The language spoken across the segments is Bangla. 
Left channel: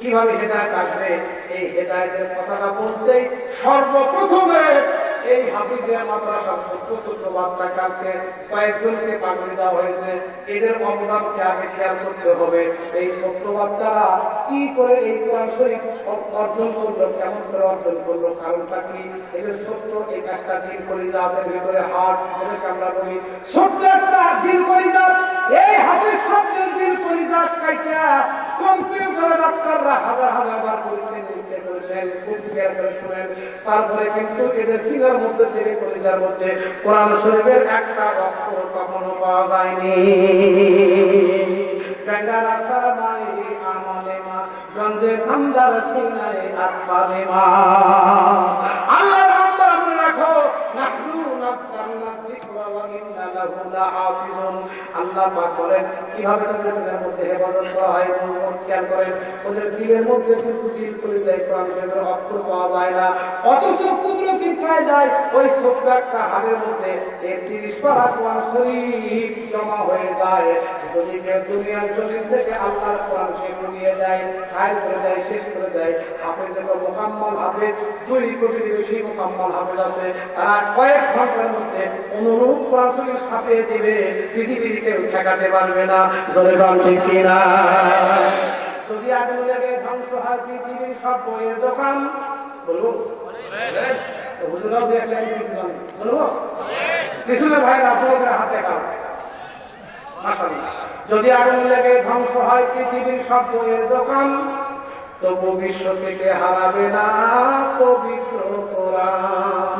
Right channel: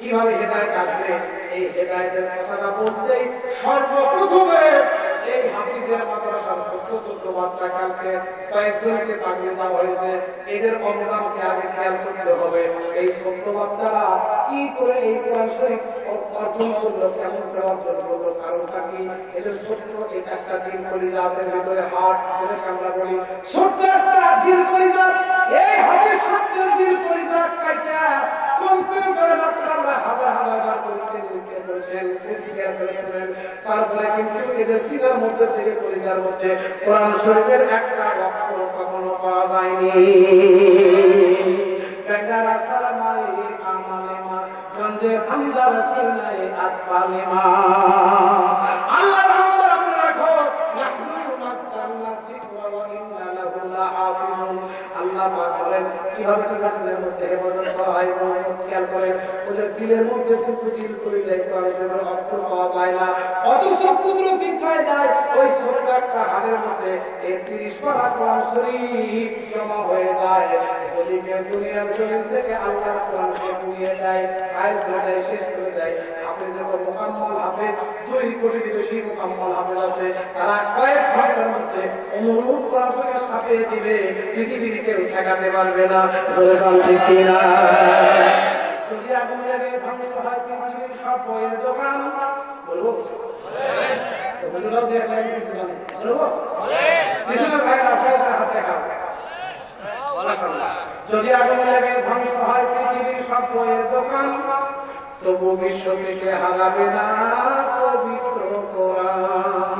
কিভাবে হেদায়েত আসবে? এই হেদায়েতের কথাটা বলতেই সর্বপ্রথমে এই হাফিজের মাদ্রাসা ছোট ছোট বাচ্চা কালকে কয়েকজনকে পাগড়ি দেওয়া হয়েছে। এদের অবদানকে আগে খেয়াল করতে হবে। এই ছোট বাচ্চারা কি করে এই কোরআন শরীফ অর্জন করলো, কেমন করে অর্জন করলো, কারণটা কি? এদের ছোট্ট এই একটা দিল কলিজা আছে ভিতরে, হার্ট যেটাকে আমরা বলি, ছোট্ট একটা দিল কলিজা। এই হাফিজ শব্দের দিল কলিজা কাইটা কম্পিউটারে ডাক্তাররা হাজার হাজার বার পরীক্ষা নিরীক্ষা করেছেন, পরীক্ষা করে শুনেন। তারপরে কিন্তু এদের সিনার মধ্যে থেকে কলিজার মধ্যে কোরআন শরীফের একটা অক্ষর কখনো পাওয়া যায়নি। গায়দারা সামাই আমালেমা গঞ্জে হামদার সিনাই আতফালেমা। আল্লাহর বান্দা মনে রাখো, নাহনু নাযালনা যিকরা ওয়া ইন্না লাহু লাহাফিজুন। আল্লাহ পাক বলেন কিভাবে তাদের সিনার মধ্যে ইবাদত করা হয়, খেয়াল করেন। ওদের দিলের মধ্যে কিন্তু দিল করে দেয়, কোরআন শরীফের অক্ষর পাওয়া যায় না। অথচ কুদরতি কায়দায় ওই ছোট্ট একটা হাড়ের মধ্যে ৩১ পারা কোরআন শরীফ জমা হয়ে যায়। যদি কেউ দুনিয়ার জমিন থেকে আল্লাহর কোরআনকে পুড়িয়ে দেয়, খায় করে দেয়, শেষ করে দেয়, হাফেজ এবং মুকাম্মল হাফেজ ২ কোটির বেশি মুকাম্মল হাফেজ আছে, তারা কয়েক ঘন্টার মধ্যে অনুরূপ কোরআন শরীফ ছাপিয়ে দিবে, পৃথিবীর কেউ ঠেকাতে পারবে না। ঠিক কিনা? যদি আগুন লেগে ধ্বংস হয় পৃথিবীর সব বইয়ের দোকান, বলবো বুঝলাম দেখলেন বলবো পিছনে ভাই আপনাদের হাতে খাও। যদি আগুন লেগে ধ্বংস হয় পৃথিবীর সব বইয়ের দোকান, তবু বিশ্ব থেকে হারাবে না পবিত্র কোরআন।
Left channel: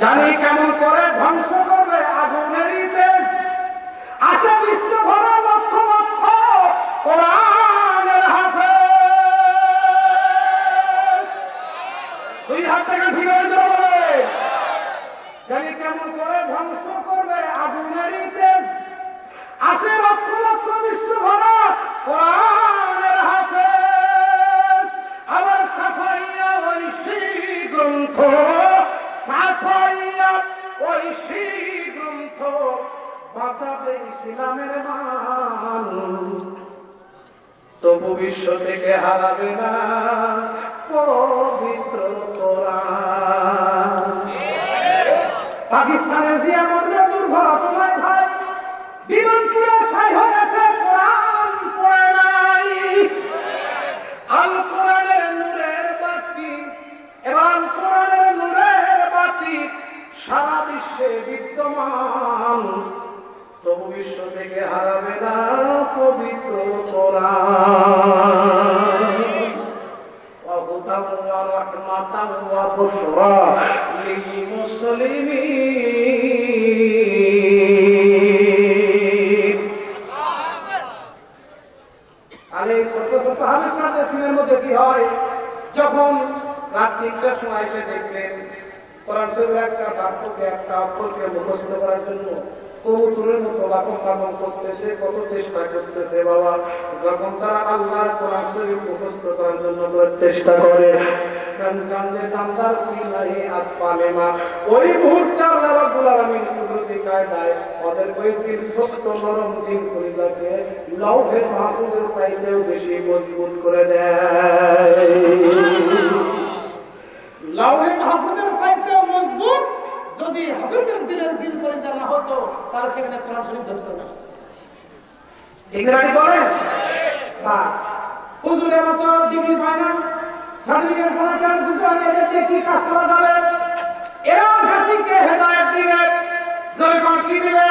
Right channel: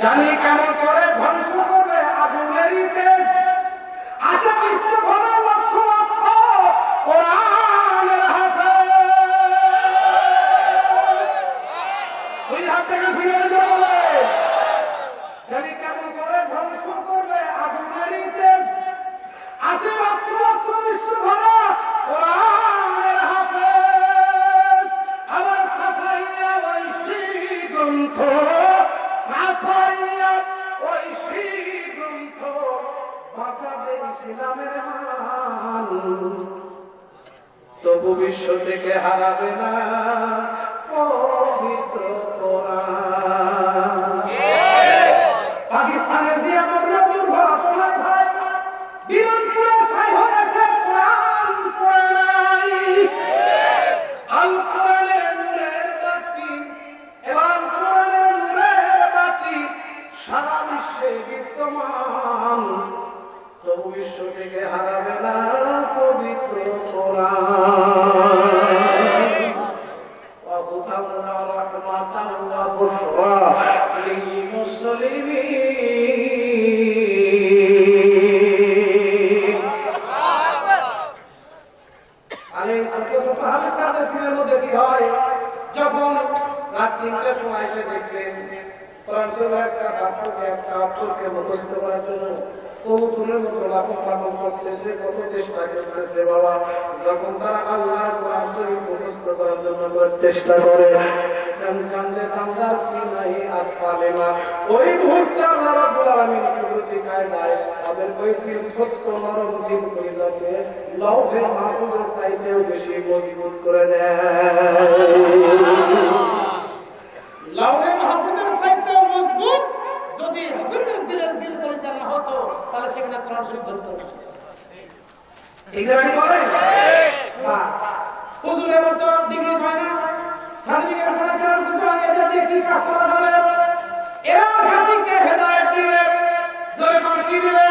জানি কেমন করে ধ্বংস করবে আগুনেরই তেজ, আশা বিশ্ব ভরে লক্ষ লক্ষ কোরআনের হাফেজ। দুই হাত থেকে ফিরে যাবে। জানি কেমন করে ধ্বংস করবে আগুনেরই তেজ, আশা লক্ষ লক্ষ বিশ্ব ভরা কোরআনের হাফেজ। আবার সাফাইয়া ঐশী গ্রন্থ, সাফাইয়া ঐশী গ্রন্থ বাঁচাবে ইসলামের মান, তবু বিশ্ব থেকে হারাবে না পবিত্র কোরআন। পাকিস্তানের জিয়া মরলে দুর্ঘটনা তোমায় ভাই, বিরোধপুরে ছাই হয়েছে কোরআন পড়ে নাই। আল কোরআনের নূরের বাতি এবং কোরআনের নূরের বাতি সারা বিশ্বে বিদ্যমান, তবু বিশ্ব থেকে হারাবে না পবিত্র কোরআন। ওয়া হুদান ওয়া রাহমাতান ওয়া বুশরা লিল মুসলিমিন। আলে ছোট ছোট হাদিসের সিনের মধ্যে কি হয়, যখন রাত ৩টার সময় এসে দেখবেন কোরআন শরীফের একটা বাক্যকে, একটা অক্ষরকে মুখস্থ করার জন্য কবুতরের মতো লাফন পালন করতেছে, কত চেষ্টা করতেছে বাবা। যখন তারা আল্লাহর কোরআন শরীফ মুখস্থ করার জন্য চেষ্টা করে, ওই মুহূর্তে আল্লাহ রাব্বুল আলামিন কুদরতি কায়দায় ওদের ওই ছোট্ট নরম দিল কলিজাকে লৌহে মাহফুজের চাইতেও বেশি মজবুত করে দেয়। লৌহে মাহফুজের চাইতেও মজবুত। যদি হাফেজের দিলের দিল কলিজা না হতো, তাহলে সেখানে কোরআন শরীফ ধরতো না। ঠিক আছে বলেন? বাস হুজুরের মতো ডিগ্রি পায় না, সার্টিফিকেট পড়া ছাড়া দুজন এদের কি কাজ করা যাবে? এরা জাতিকে হেদায়েত দিবে। যখন কি দিবে?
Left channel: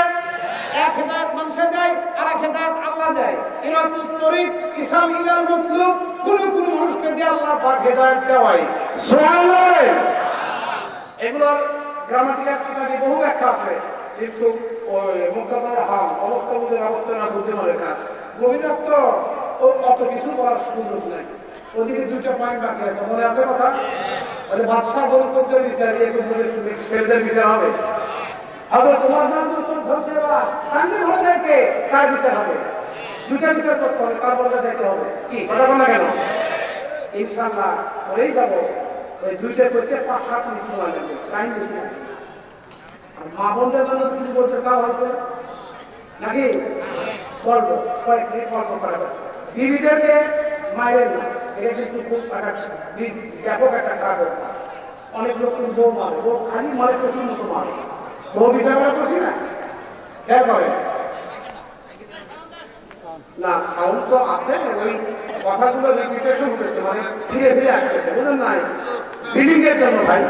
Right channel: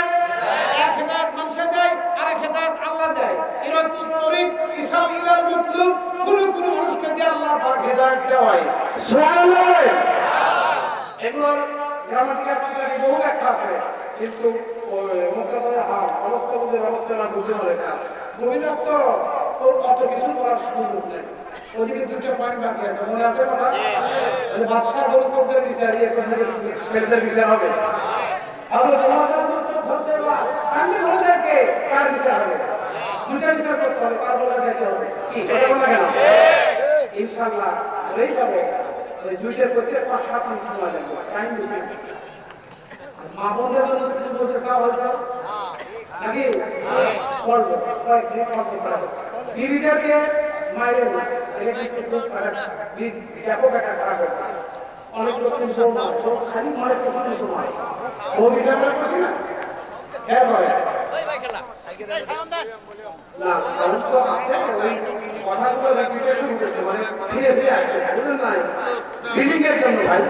এক হেদায়েত মানুষে দেয়, আর এক হেদায়েত আল্লাহ দেয়। এরা তো তরিক ইসলাম ইলাল মাতলুব, কোন কোন মানুষকে দিয়ে আল্লাহ পাক হেদায়েত দেওয়ায়। সুবহানাল্লাহ। এগুলোর গ্রামাটিক একটা বহু ব্যাখ্যা আছে, কিন্তু ওই মুক্তাদার হাল অবস্থাবোধের অবস্থা না বুঝে লেখা আছে। গোবিন্দাত্ম ও অত কিছু করার সুযোগ নেই। ওদিকে দুটো পয়েন্ট বাকি আছে, মনে আছে কথা? বাদশাহ বলে চোখদের বিচার, ছেলেদের বিচার হবে। আবার তোমার নাম চোখ ধরতে বা কান্দি ধরতে কে, কার বিচার হবে? দুটা বিচার করতে হবে, তার বলে যেতে হবে। কি কথা বলা গেল? ইনশাআল্লাহ বলেই যাবো। ওই দুইটার করতে ৫-৭ মিনিট সময় লাগবে, টাইম দিতে। আর মা বোনদের জন্য কিছু বলতে চাওয়া হয়েছে নাকি? করবো কয়েকদিন কর্ম করা। বিবিদেরকে মায়ের না, এটা কিছু ব্যাপক একটা খারাপ হয়েছে। অনেক লোক কিন্তু খালি মারে প্রচুর মতো মারে, ও বিচার করছি না খেয়াল করে না, সাহস তো আছে, ওই কথাগুলো রিপিটেশন হতেছে, মানে ফিরে ফিরে আসতেছে, বুঝলেন নাই? ফিলিং এর জন্য ভাই।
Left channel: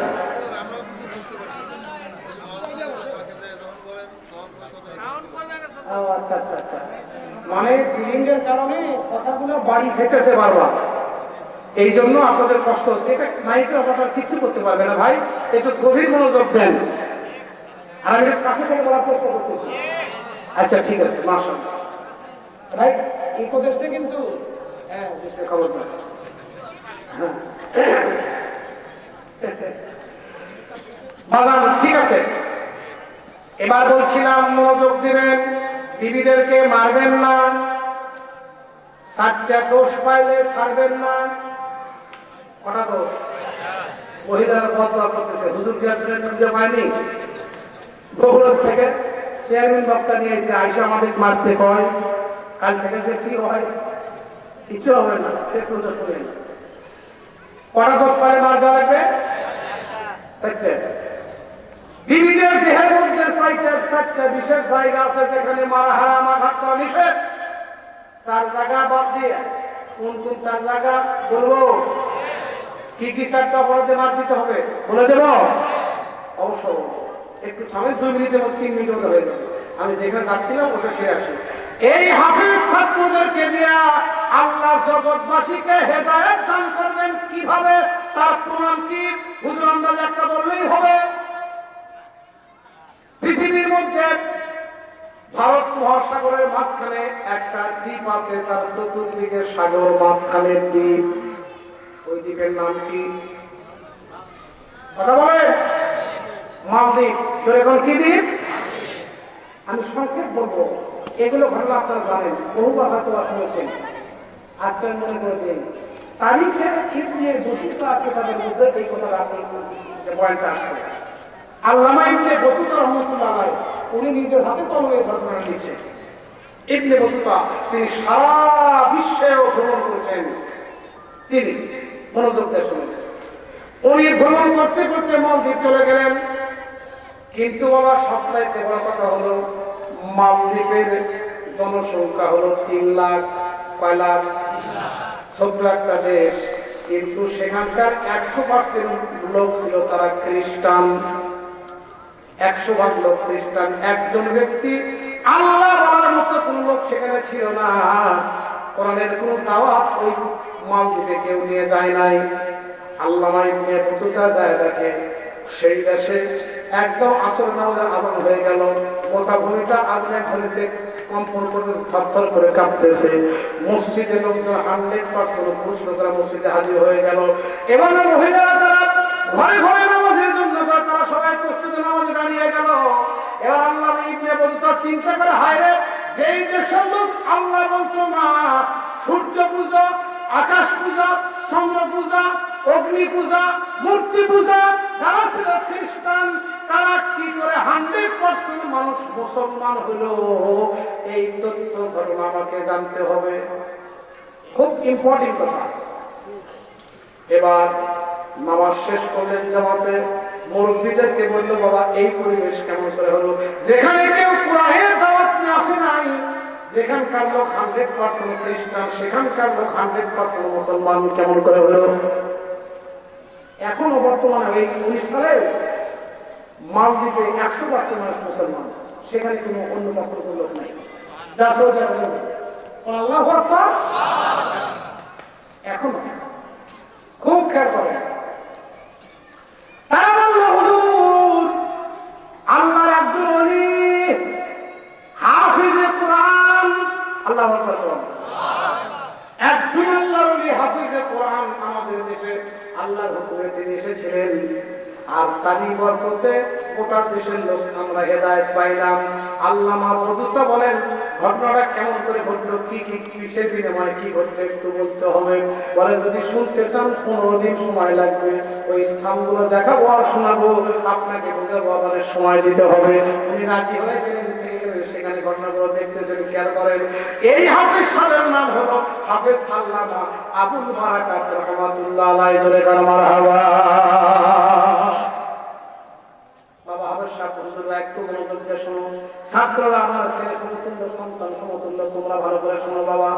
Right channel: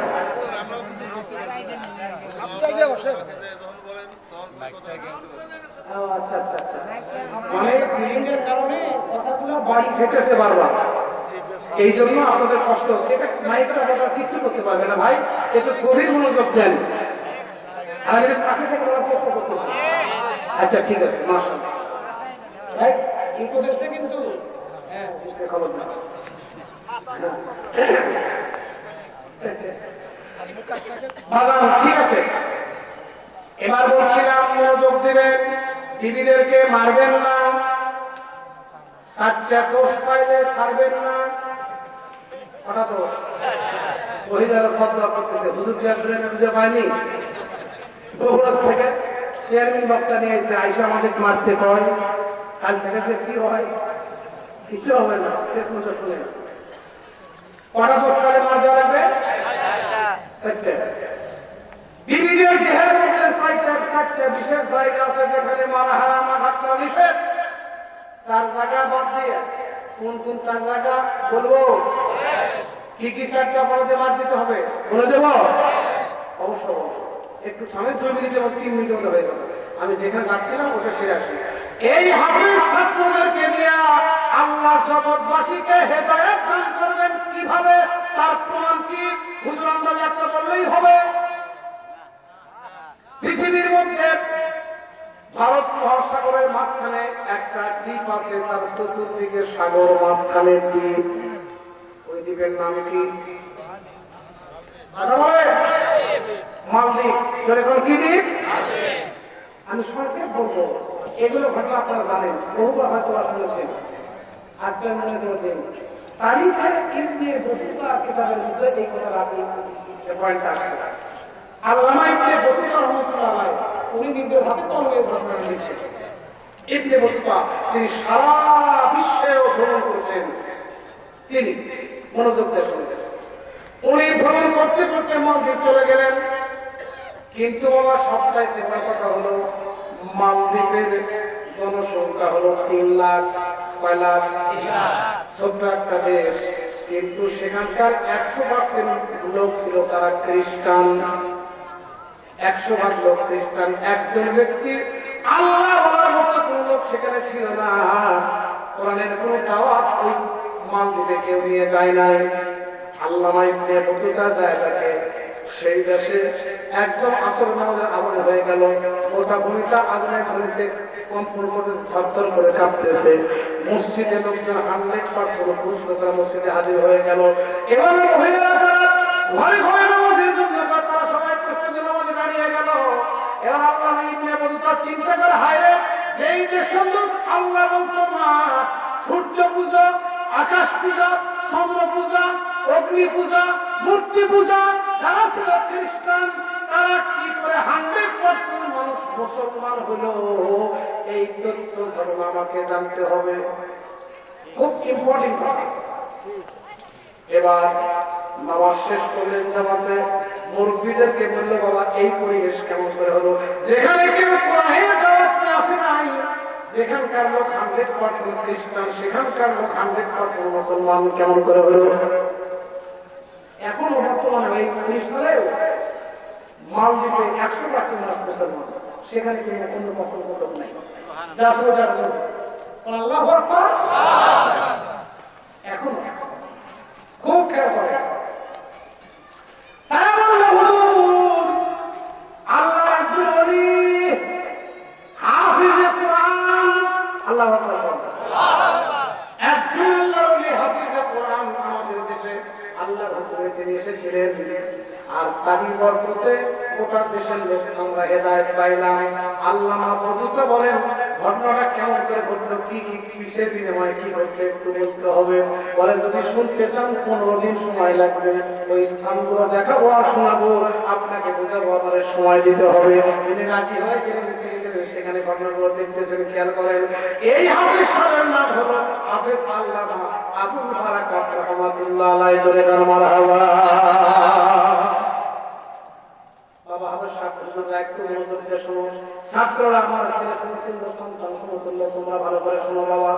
আচ্ছা আচ্ছা আচ্ছা, মানে ফিলিং এর কারণে কথাগুলো বাড়ি ফেটেছে বারবার, এই জন্য আপনাদের কষ্ট হচ্ছে। এটা মাইক্রো কথা কিছু করতে পারবে না ভাই, একটু গভীর মনোযোগ দেন। আর পাশে থেকে বলার চেষ্টা করতেছে। আচ্ছা ঠিক আছে, মাশাআল্লাহ ভাই, এই উপদেশটা কিন্তু হ্যাঁ খবর না। ঠিক আছে, এবার বলছিলাম মনোযোগ দিবেন, বিবিদেরকে মারবেন না, 7টা দোষ পাইলে ছাড়বেন না। কটা দোষ? মহিলারা বদয়া করতেছে, হুজুর খুঁজে পায়নি, গৌরব থেকে চেয়ারম্যান বক্তা নিয়ে এসে আইসা আমাদের মারতে হয়, কাল থেকে কি হয়? কিছু হবে না, সে পুজো করে। কটা দোষ পাইলে মার দেওয়া লাগবে? বিবিদের দেহের মধ্যে 4টা বিশেষ জায়গা আছে যেখানে মারা হারাম, আঘাত করা নিষেধ। 4 জায়গা বাদ দিয়ে কোন কোন 4 জায়গা বলবো? কি কি 4টা অপরাধে বাদ দিতে হবে বলে দেব? অবশ্য একটু সময় 2 মিনিটের মধ্যে 3 মিনিট হয়ে যাবে, আমি যেখানে যাচ্ছিলাম ওটা ফিরে আসি। এই হাফেজ ছাত্রদেরকে নিয়ে আল্লাহ জগৎবাসীকে হেদায়েত দান করবেন কিভাবে, তার প্রমাণ কি? হুজুর আমরা একটা বললেই হবে। পৃথিবীর মধ্যে ভারত মহাসাগরের মাঝখানে একটা দ্বীপ আছে, তার চতুর্দিকে সাগর, মাঝখানে দ্বীপ। ওই দ্বীপের নাম কি? কথা বলে মালদ্বীপ। এখন কি দ্বীপ? আমি সংক্ষেপ বলবো, এগুলো ঘটনা আপনারা জানেন, বহুবার হয়তো শুনেছেন। আজকের মনে করবেন তারিখে ইবনে বতুতা কিতাবের মধ্যে এই কথা রাতে পয়েন্টটা আসছে। আল্লামা ইবনে বতুতা রাহমাতুল্লাহ আলাইহি উনি নিজের হাতে কলমে ঘটনা লিখছেন। ইবনে বতুতা তিনি সারা বিশ্বেও ভ্রমণ করেছেন। তিনি মনোযোগ দিয়ে শুনলেন, উনি ভ্রমণ করতে করতে মালদ্বীপ চলে গেলেন। কিন্তু বাবা সবচাইতে বড় কথা হলো মালদ্বীপের জনসংখ্যা হলো 3 লাখ। কয় লাখ? ছোট্ট একটা দেশ, কিন্তু সেখানকার 100% লোক ছিল তারা খ্রিস্টান। 100% লোক খ্রিস্টান। একজন ব্যক্তি আল্লাহ বলার মতো কোন লোক সেখানে ছিল না। কোরআনের কোন দাওয়াত ওই মালদ্বীপে কেউ নিয়ে যায় নাই। আল্লামা ইবনে বতুতা জায়গাকে সেই দেশে একদম আসর নামাজের আজান হয়ে গেল, গোটা ভূমিটা আজানের ঘরেতে কম্পন করে থরথর করে কাঁপতেছে। মসজিদে লোকজন 100% পুরুষরা মসজিদে হাজির হয়ে গেল। এবার মহিলারা যারা ঘরে ঘরে নামাজের জন্য তারা সবাই প্রস্তুতি নামাজে দাঁড়িয়ে গেল। এবার আল্লামা ইবনে বতুতা চিন্তা করে, হায়রে যেই দেশের লোক আল্লাহ বলতো না, সূর্য পূজা, আকাশ পূজা, চন্দ্র পূজা, অগ্নি পূজা, মূর্তি পূজা যারা ছিল খ্রিস্টান, তারা কি করে 100% মানুষ মুসলমান হলো? এই তথ্য ধর্ম আমাকে জানতে হবে, খুব ইম্পর্টেন্ট কথা। এবার নামাজ শেষ করলেন জামাতে, মুরব্বীদেরকে বলল, বাবা এই পরিবেশ কেমন করে হলো? যেখানে কেউ কোরআনের দাওয়াত নিয়ে আসে নাই, যেখানকার লোক 100% খ্রিস্টান, সেখানকার লোক 100% মুসলমান কেমন করে হলো? এখনো বর্তমানে এই 19 সালে মালদ্বীপে 100% মানুষ মুসলমান, সেখানে কোনো অন্য পছন্দ লোক নাই। যা সোজা আল্লাহু আকবার। এখনো খুব খেয়াল করে তারা বলল, হুজুর আল্লাহ একজন ওলি, হাফিজে কোরআন। আল্লাহু আকবার। একজন আল্লাহর ওলি, হাফিজে কোরআন আমাদের দেশে আল্লাহর হুকুমে তিনি এসেছিলেন, আর তারই বরকতে গোটা দেশের লোক আমরা হেদায়েত পাইলাম। আল্লামা বতুতা বলেন, ঘটনাটা কেমন করে ঘটলো, কি কি কিসের বিনিময়ে কি ঘটলো একটু বলতে হবে। বলে যদি শুনতে চান 15 দিন সময় লাগবে, ওই স্থানগুলো দেখাবো আর শোনাবো, আপনাকে বোঝাবো, আমাদের সময় দিতে হবে। উনি রাজি হয়ে গেলেন, সেখানে ঘটনাগুলো দেখতে করেছেন খেয়াল করেন। এই হাফেজ সাহেবের নাম হলো হাফেজ আল্লামা আবুল বারাকাত রাহমাতুল্লাহ আলাইহি। জোরে কার মারহাবা। বাবা হাফেজ সাহেব হুজুররা একটু মনোযোগ দিয়ে শোনো। ছাত্ররা আমার ছেলে সমতুল্য সন্তান সমতুল্য, তোমরা ভালো করে শোনো বাবা।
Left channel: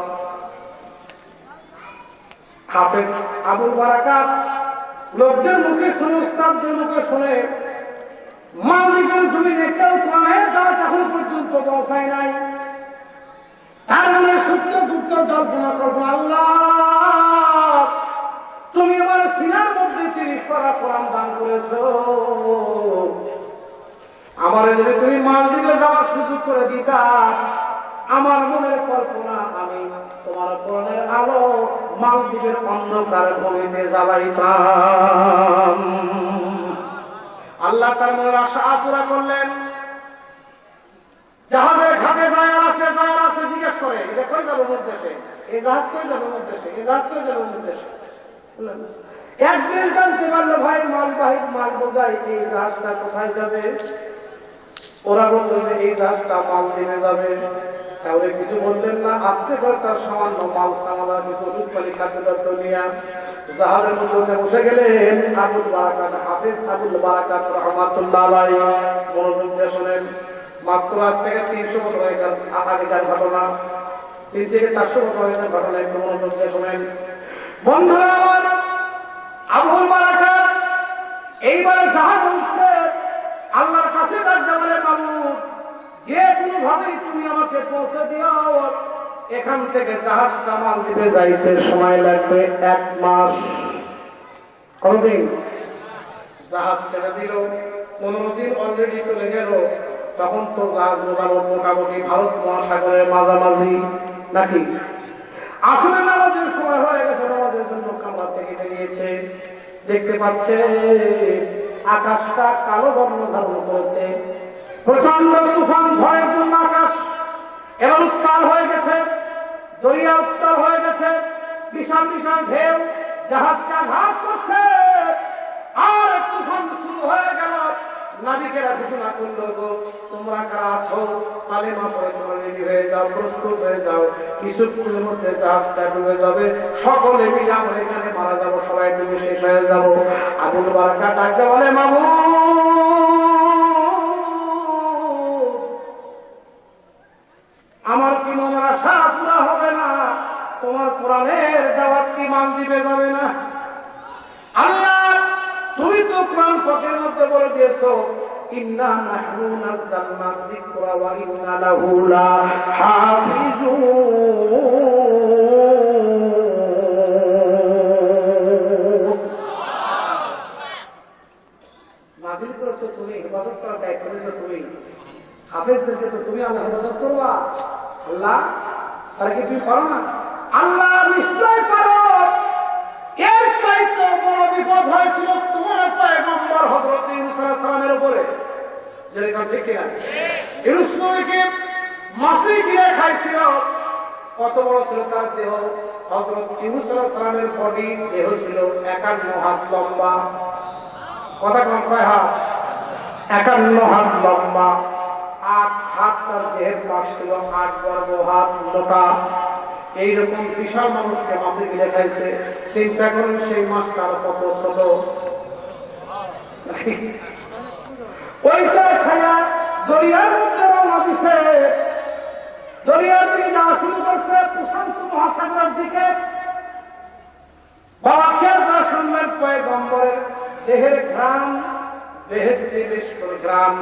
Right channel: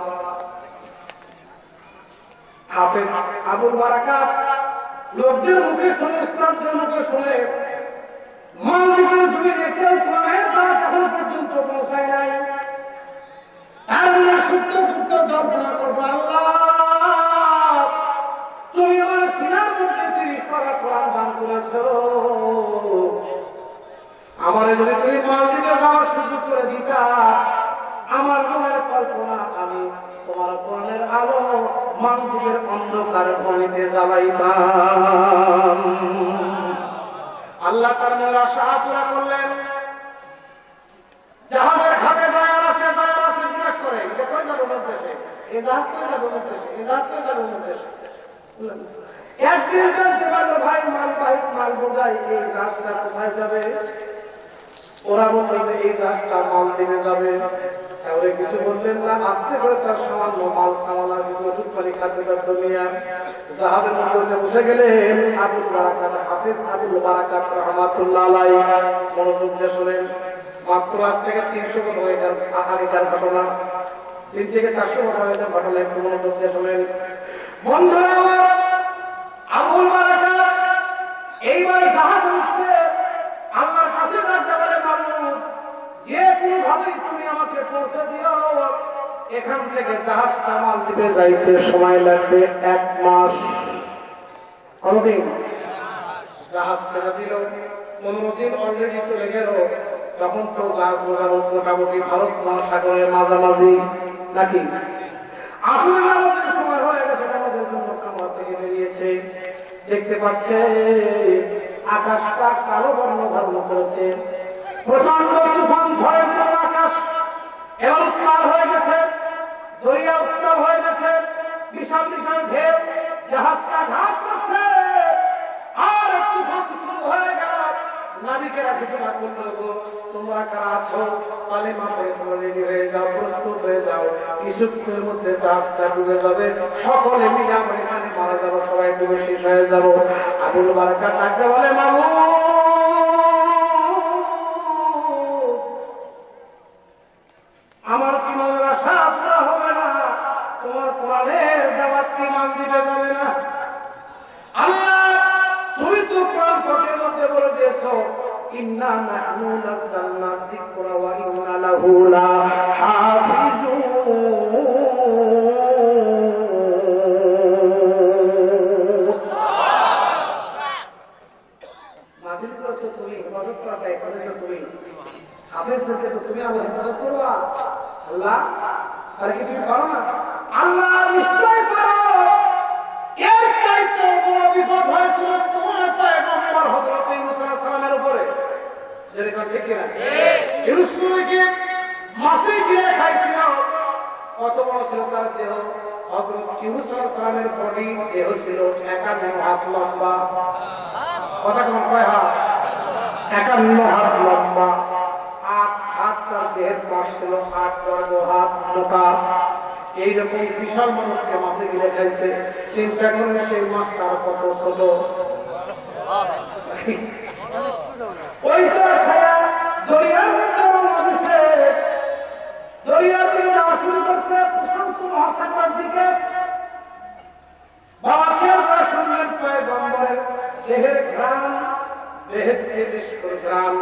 হাফেজ আবুল বারাকাত লোকদের মুখে শুনে, উস্তাদদের মুখে শুনে, মানবিকের জমিনে কেউ কোরআনের দাওয়াত এখন পর্যন্ত পৌঁছায় নাই। তার মনে সত্য দুঃখ জল্পনা করবো, আল্লাহ তুমি আমার সিনার মধ্যে 30 পারা কোরআন দান করেছো, আমার যদি তুমি মালদ্বীপে যাওয়ার সুযোগ করে দিতা, আমার মনের কল্পনা আমি তোমার কোরআনের আলো মালদ্বীপের অন্ধকার ভূমিতে জ্বালাইতাম। আল্লাহ তার মনের আশা পুরা করলেন। জাহাজের ঘাটে যায় আসে জিজ্ঞেস করে, এটা কই যাবো উদ্দেশ্যে, এই জাহাজ কই যাবো উদ্দেশ্যে, এই জাহাজ কই যাবো উদ্দেশ্যে। একদিন জানতে পারলো ভাই মালবাহী মাল বোঝাই, এই জাহাজটা কোথায় যাবে? ওরা বলল যে এই জাহাজটা মালদ্বীপে যাবে। তাহলে কিছু বললেন না, আস্তে করে তার সামান্য মাল সামানা কিছু টুকটালি খাদ্যটার নিয়ে জাহাজের মধ্যে উঠে গেলেন। আবুল বারাকাত হাফেজ আবুল বারাকাত রাহমাতুল্লাহ আলাইহি মনোযোগ দিয়ে শোনেন। মাত্র আজ থেকে 300 বছর আগেকার ঘটনা, 3 থেকে 400 বছর আগেকার ঘটনা, একটু মনোযোগ দিয়ে শোনেন বন্ধুরা আমার। আবুল বারাকাত এইবার জাহাজ উঠছে, আল্লাহর কাছে ডাকতে বলে, মাবুদ যে কোনো ভাবেই তুমি আমাকে পৌঁছে দিও, এখান থেকে জাহাজটা মালদ্বীপে যাইতে সময় লাগবে 1 মাস। কতদিন? জাহাজ ছেড়ে দিল, 15 দিন অলরেডি চলে গেল। তখন তো মোটামুটি ভারত মহাসাগরের মাঝামাঝি নাকি? আসলে আমাদের সময় হয়ে গেছে, আমাদের জন্য খাবার থেকে বেরিয়েছে। দেখতে পাচ্ছে আকাশটা কালো বর্ণ ধারণ করেছে, প্রচন্ড তুফান ঝড়ের জন্য আকাশ এবার উত্তাল হয়ে গেছে, দরিয়া উত্তাল হয়ে গেছে, বিশাল বিশাল ঢেউ জাহাজকে আঘাত করছে। আর তুফান শুরু হয়ে গেল। নাবিকেরা ঘোষণা করলো, তোমরা কারা আছো, কালেমা পড়ে তোমরা রেডি হয়ে যাও, প্রস্তুত হয়ে যাও, কিছুক্ষণের মধ্যে জাহাজটা ডুবে যাবে, সকলে মিলে আমরা এখানে মারা যাবো, সবাই ডুবে শেষ হয়ে যাবো। আবুল বারাকাত ডাকতে বলে, মামুদ আমার কি মনের আশা পুরা হবে না? তোমার কোরআনের দাওয়াত কি মালদ্বীপে যাবে না? আল্লাহ তুমি তো কোরআন পাকের মধ্যে বলে দিয়েছো, ইন্না নাহনু নাযালনা যিকরা ওয়া ইন্না লাহু লাহাফিজুন। নাযিল করেছো তুমি, হেফাজত করা দায়িত্ব নিয়েছো তুমি, হাফেজদেরকে তো তুমি আমার হেফাজত করবা। আল্লাহ তাহলে কি তুমি করো না? আল্লাহ নিশ্চয় করো। এর চাইতে বড় বিপদ হয়েছিল তোমার পয়গম্বর হযরত ইউনূস আলাইহিস সালামের উপরে। যেরকম ঠিক কিনা? ইউনূস নবীকে মাছে গিলে খাইছিল। কত বড় ছিল তার দেহ? হযরত ইউনূস আলাইহিস সালামের বডি দেহ ছিল 51 হাত লম্বা। কথা কম কয় হাত? 51 হাত লম্বা। 8 হাত তার দেহের পাশ ছিল, 8 বর্গ হাত মোটা। এইরকম বিশাল মানুষকে মাছে গিলে খাইছে। চিন্তা করেন সেই মাছটার কত ছোট। ওইটা খায়া দরিয়ার মধ্যে রওনা দিছে। দরিয়ার দিকে যাওয়া শুরু করছে প্রশান্ত মহাসাগরের দিকে। বাবা খেয়াল করে শুনলেন পয়গম্বরের দেহের ঘ্রাণ, বেহেশতে মিষ্টির ঘ্রাণ।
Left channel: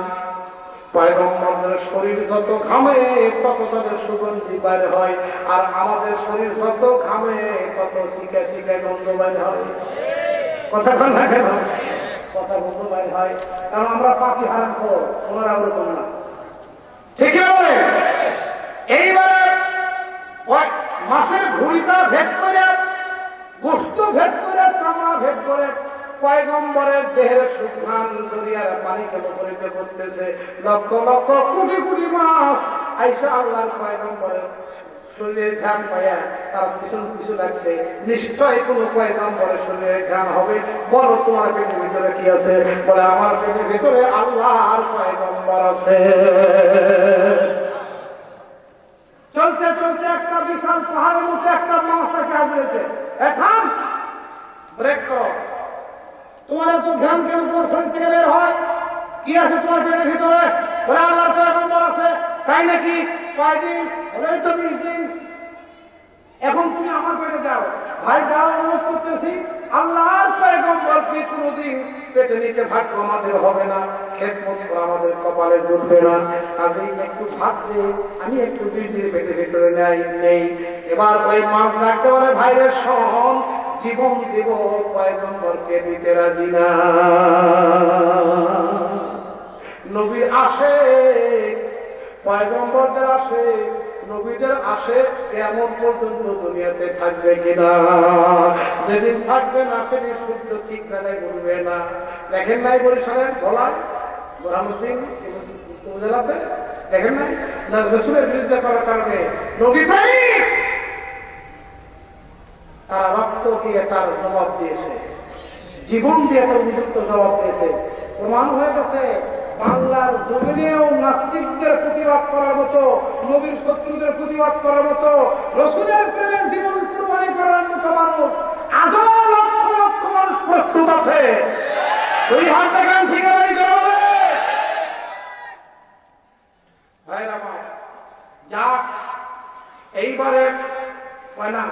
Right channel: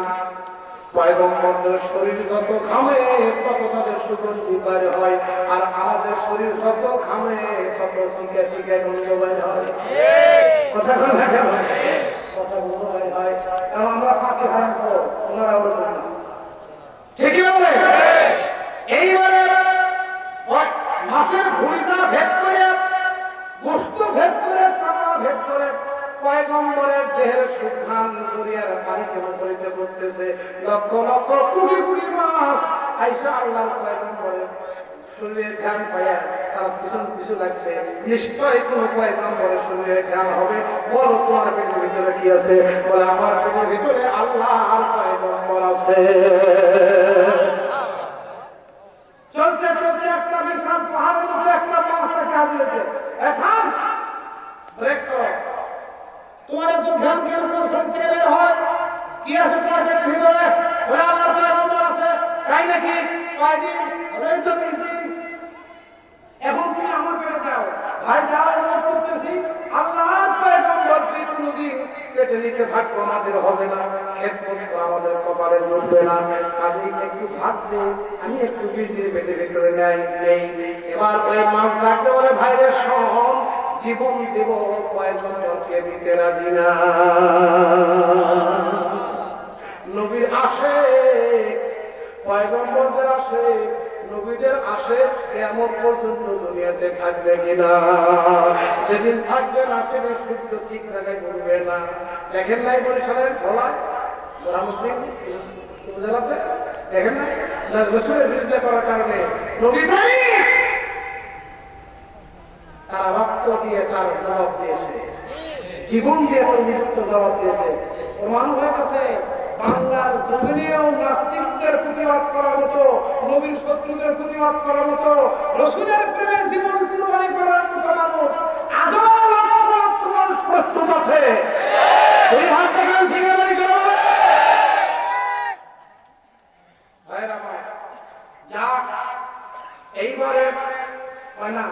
পয়গম্বরদের শরীর যত ঘামে তত তাদের সুগন্ধি বের হয়, আর আমাদের শরীর যত ঘামে তত শিখে শিখে গন্ধ বের হয়। কথা কোন থাকে না? কথা গন্ধ বের হয়, কারণ আমরা পাখি হারাম করো, ওনারা ওরকম না। ঠিক আছে? এইবারে মাছের ভুঁড়িটা ভেদ করে, গোস্ত ভেদ করে, চামড়া ভেদ করে পয়গম্বরের দেহের সুঘ্রাণ দরিয়ার পানি কেমন করিতে করতেছে। লক্ষ লক্ষ কোটি কোটি মাছ আইসা আল্লাহর পয়গম্বরের শরীরের ঘ্রাণ পাইয়া তার পিছন পিছু লাগছে। নিশ্চয় কোন পয়গম্বরের শরীরের ঘ্রাণ হবে। বলো তোমার পেটের ভিতরে কি আছে? বলে আমার পেটের ভিতরে আল্লাহর পয়গম্বর আছে। পাহাড়ের মধ্যে একটা মাছ তাকে হাজিরেছে, এখন ব্রেক করো, তোমার তো ধ্যান কেন শরীর থেকে বের হয়, কি আছে তোমার পেটের ভিতরে? ওরা আল্লাহর পয়গম্বর আছে, তাই নাকি? কয়দিন? ওই তো 20 দিন। এখন তুমি আমার পেটে যাও, ভাই যাও, অনুরোধ করতেছি, আল্লাহর পয়গম্বরকে কোনোদিন পেটে নিতে ভাগ্য আমাদের হবে না, খেদমত করা আমাদের কপালে জুটবে না। কাজেই একটু ভাত দে, আমি একটু 20 দিন পেটে ভেতরে নেই। এবার ওই মাছ ডাকতে বলে, ভাইরে শোন, জীবন দেব, পয়গম্বরকে দিতে রাজি না। নবীর আসে, পয়গম্বরদের আসে, নবীদের আসে, কেমন পর্যন্ত দুনিয়াতে থাকবে কিনা? যেদিন থাকবে না সেদিন সূর্য ঠিক জায়গায় ঘুরবে না। দেখেন নাই বরিশালের ভোলায় রামসিং উপজেলাতে, দেখেন নাই রসুলের বিরুদ্ধে করার কারণে নবী প্রেমিক তারা রক্ত দিয়ে তার জবাব দিয়েছে, জীবন দিয়ে তো নিযুক্ত জবাব দিয়েছে। প্রমাণ হয়ে গেছে বাংলার জমিনেও নাস্তিকদের প্রতিবাদ করার মতো, নবীর শত্রুদের প্রতিবাদ করার মতো, রসুলের প্রেমে জীবন কুরবানি করার মতো মানুষ আজও লক্ষ লক্ষ মানুষ প্রস্তুত আছে। ওই হাত থেকে ঠিকাদারি করা হবে। ভাইরা ভাই, যা এইবারে হয় না,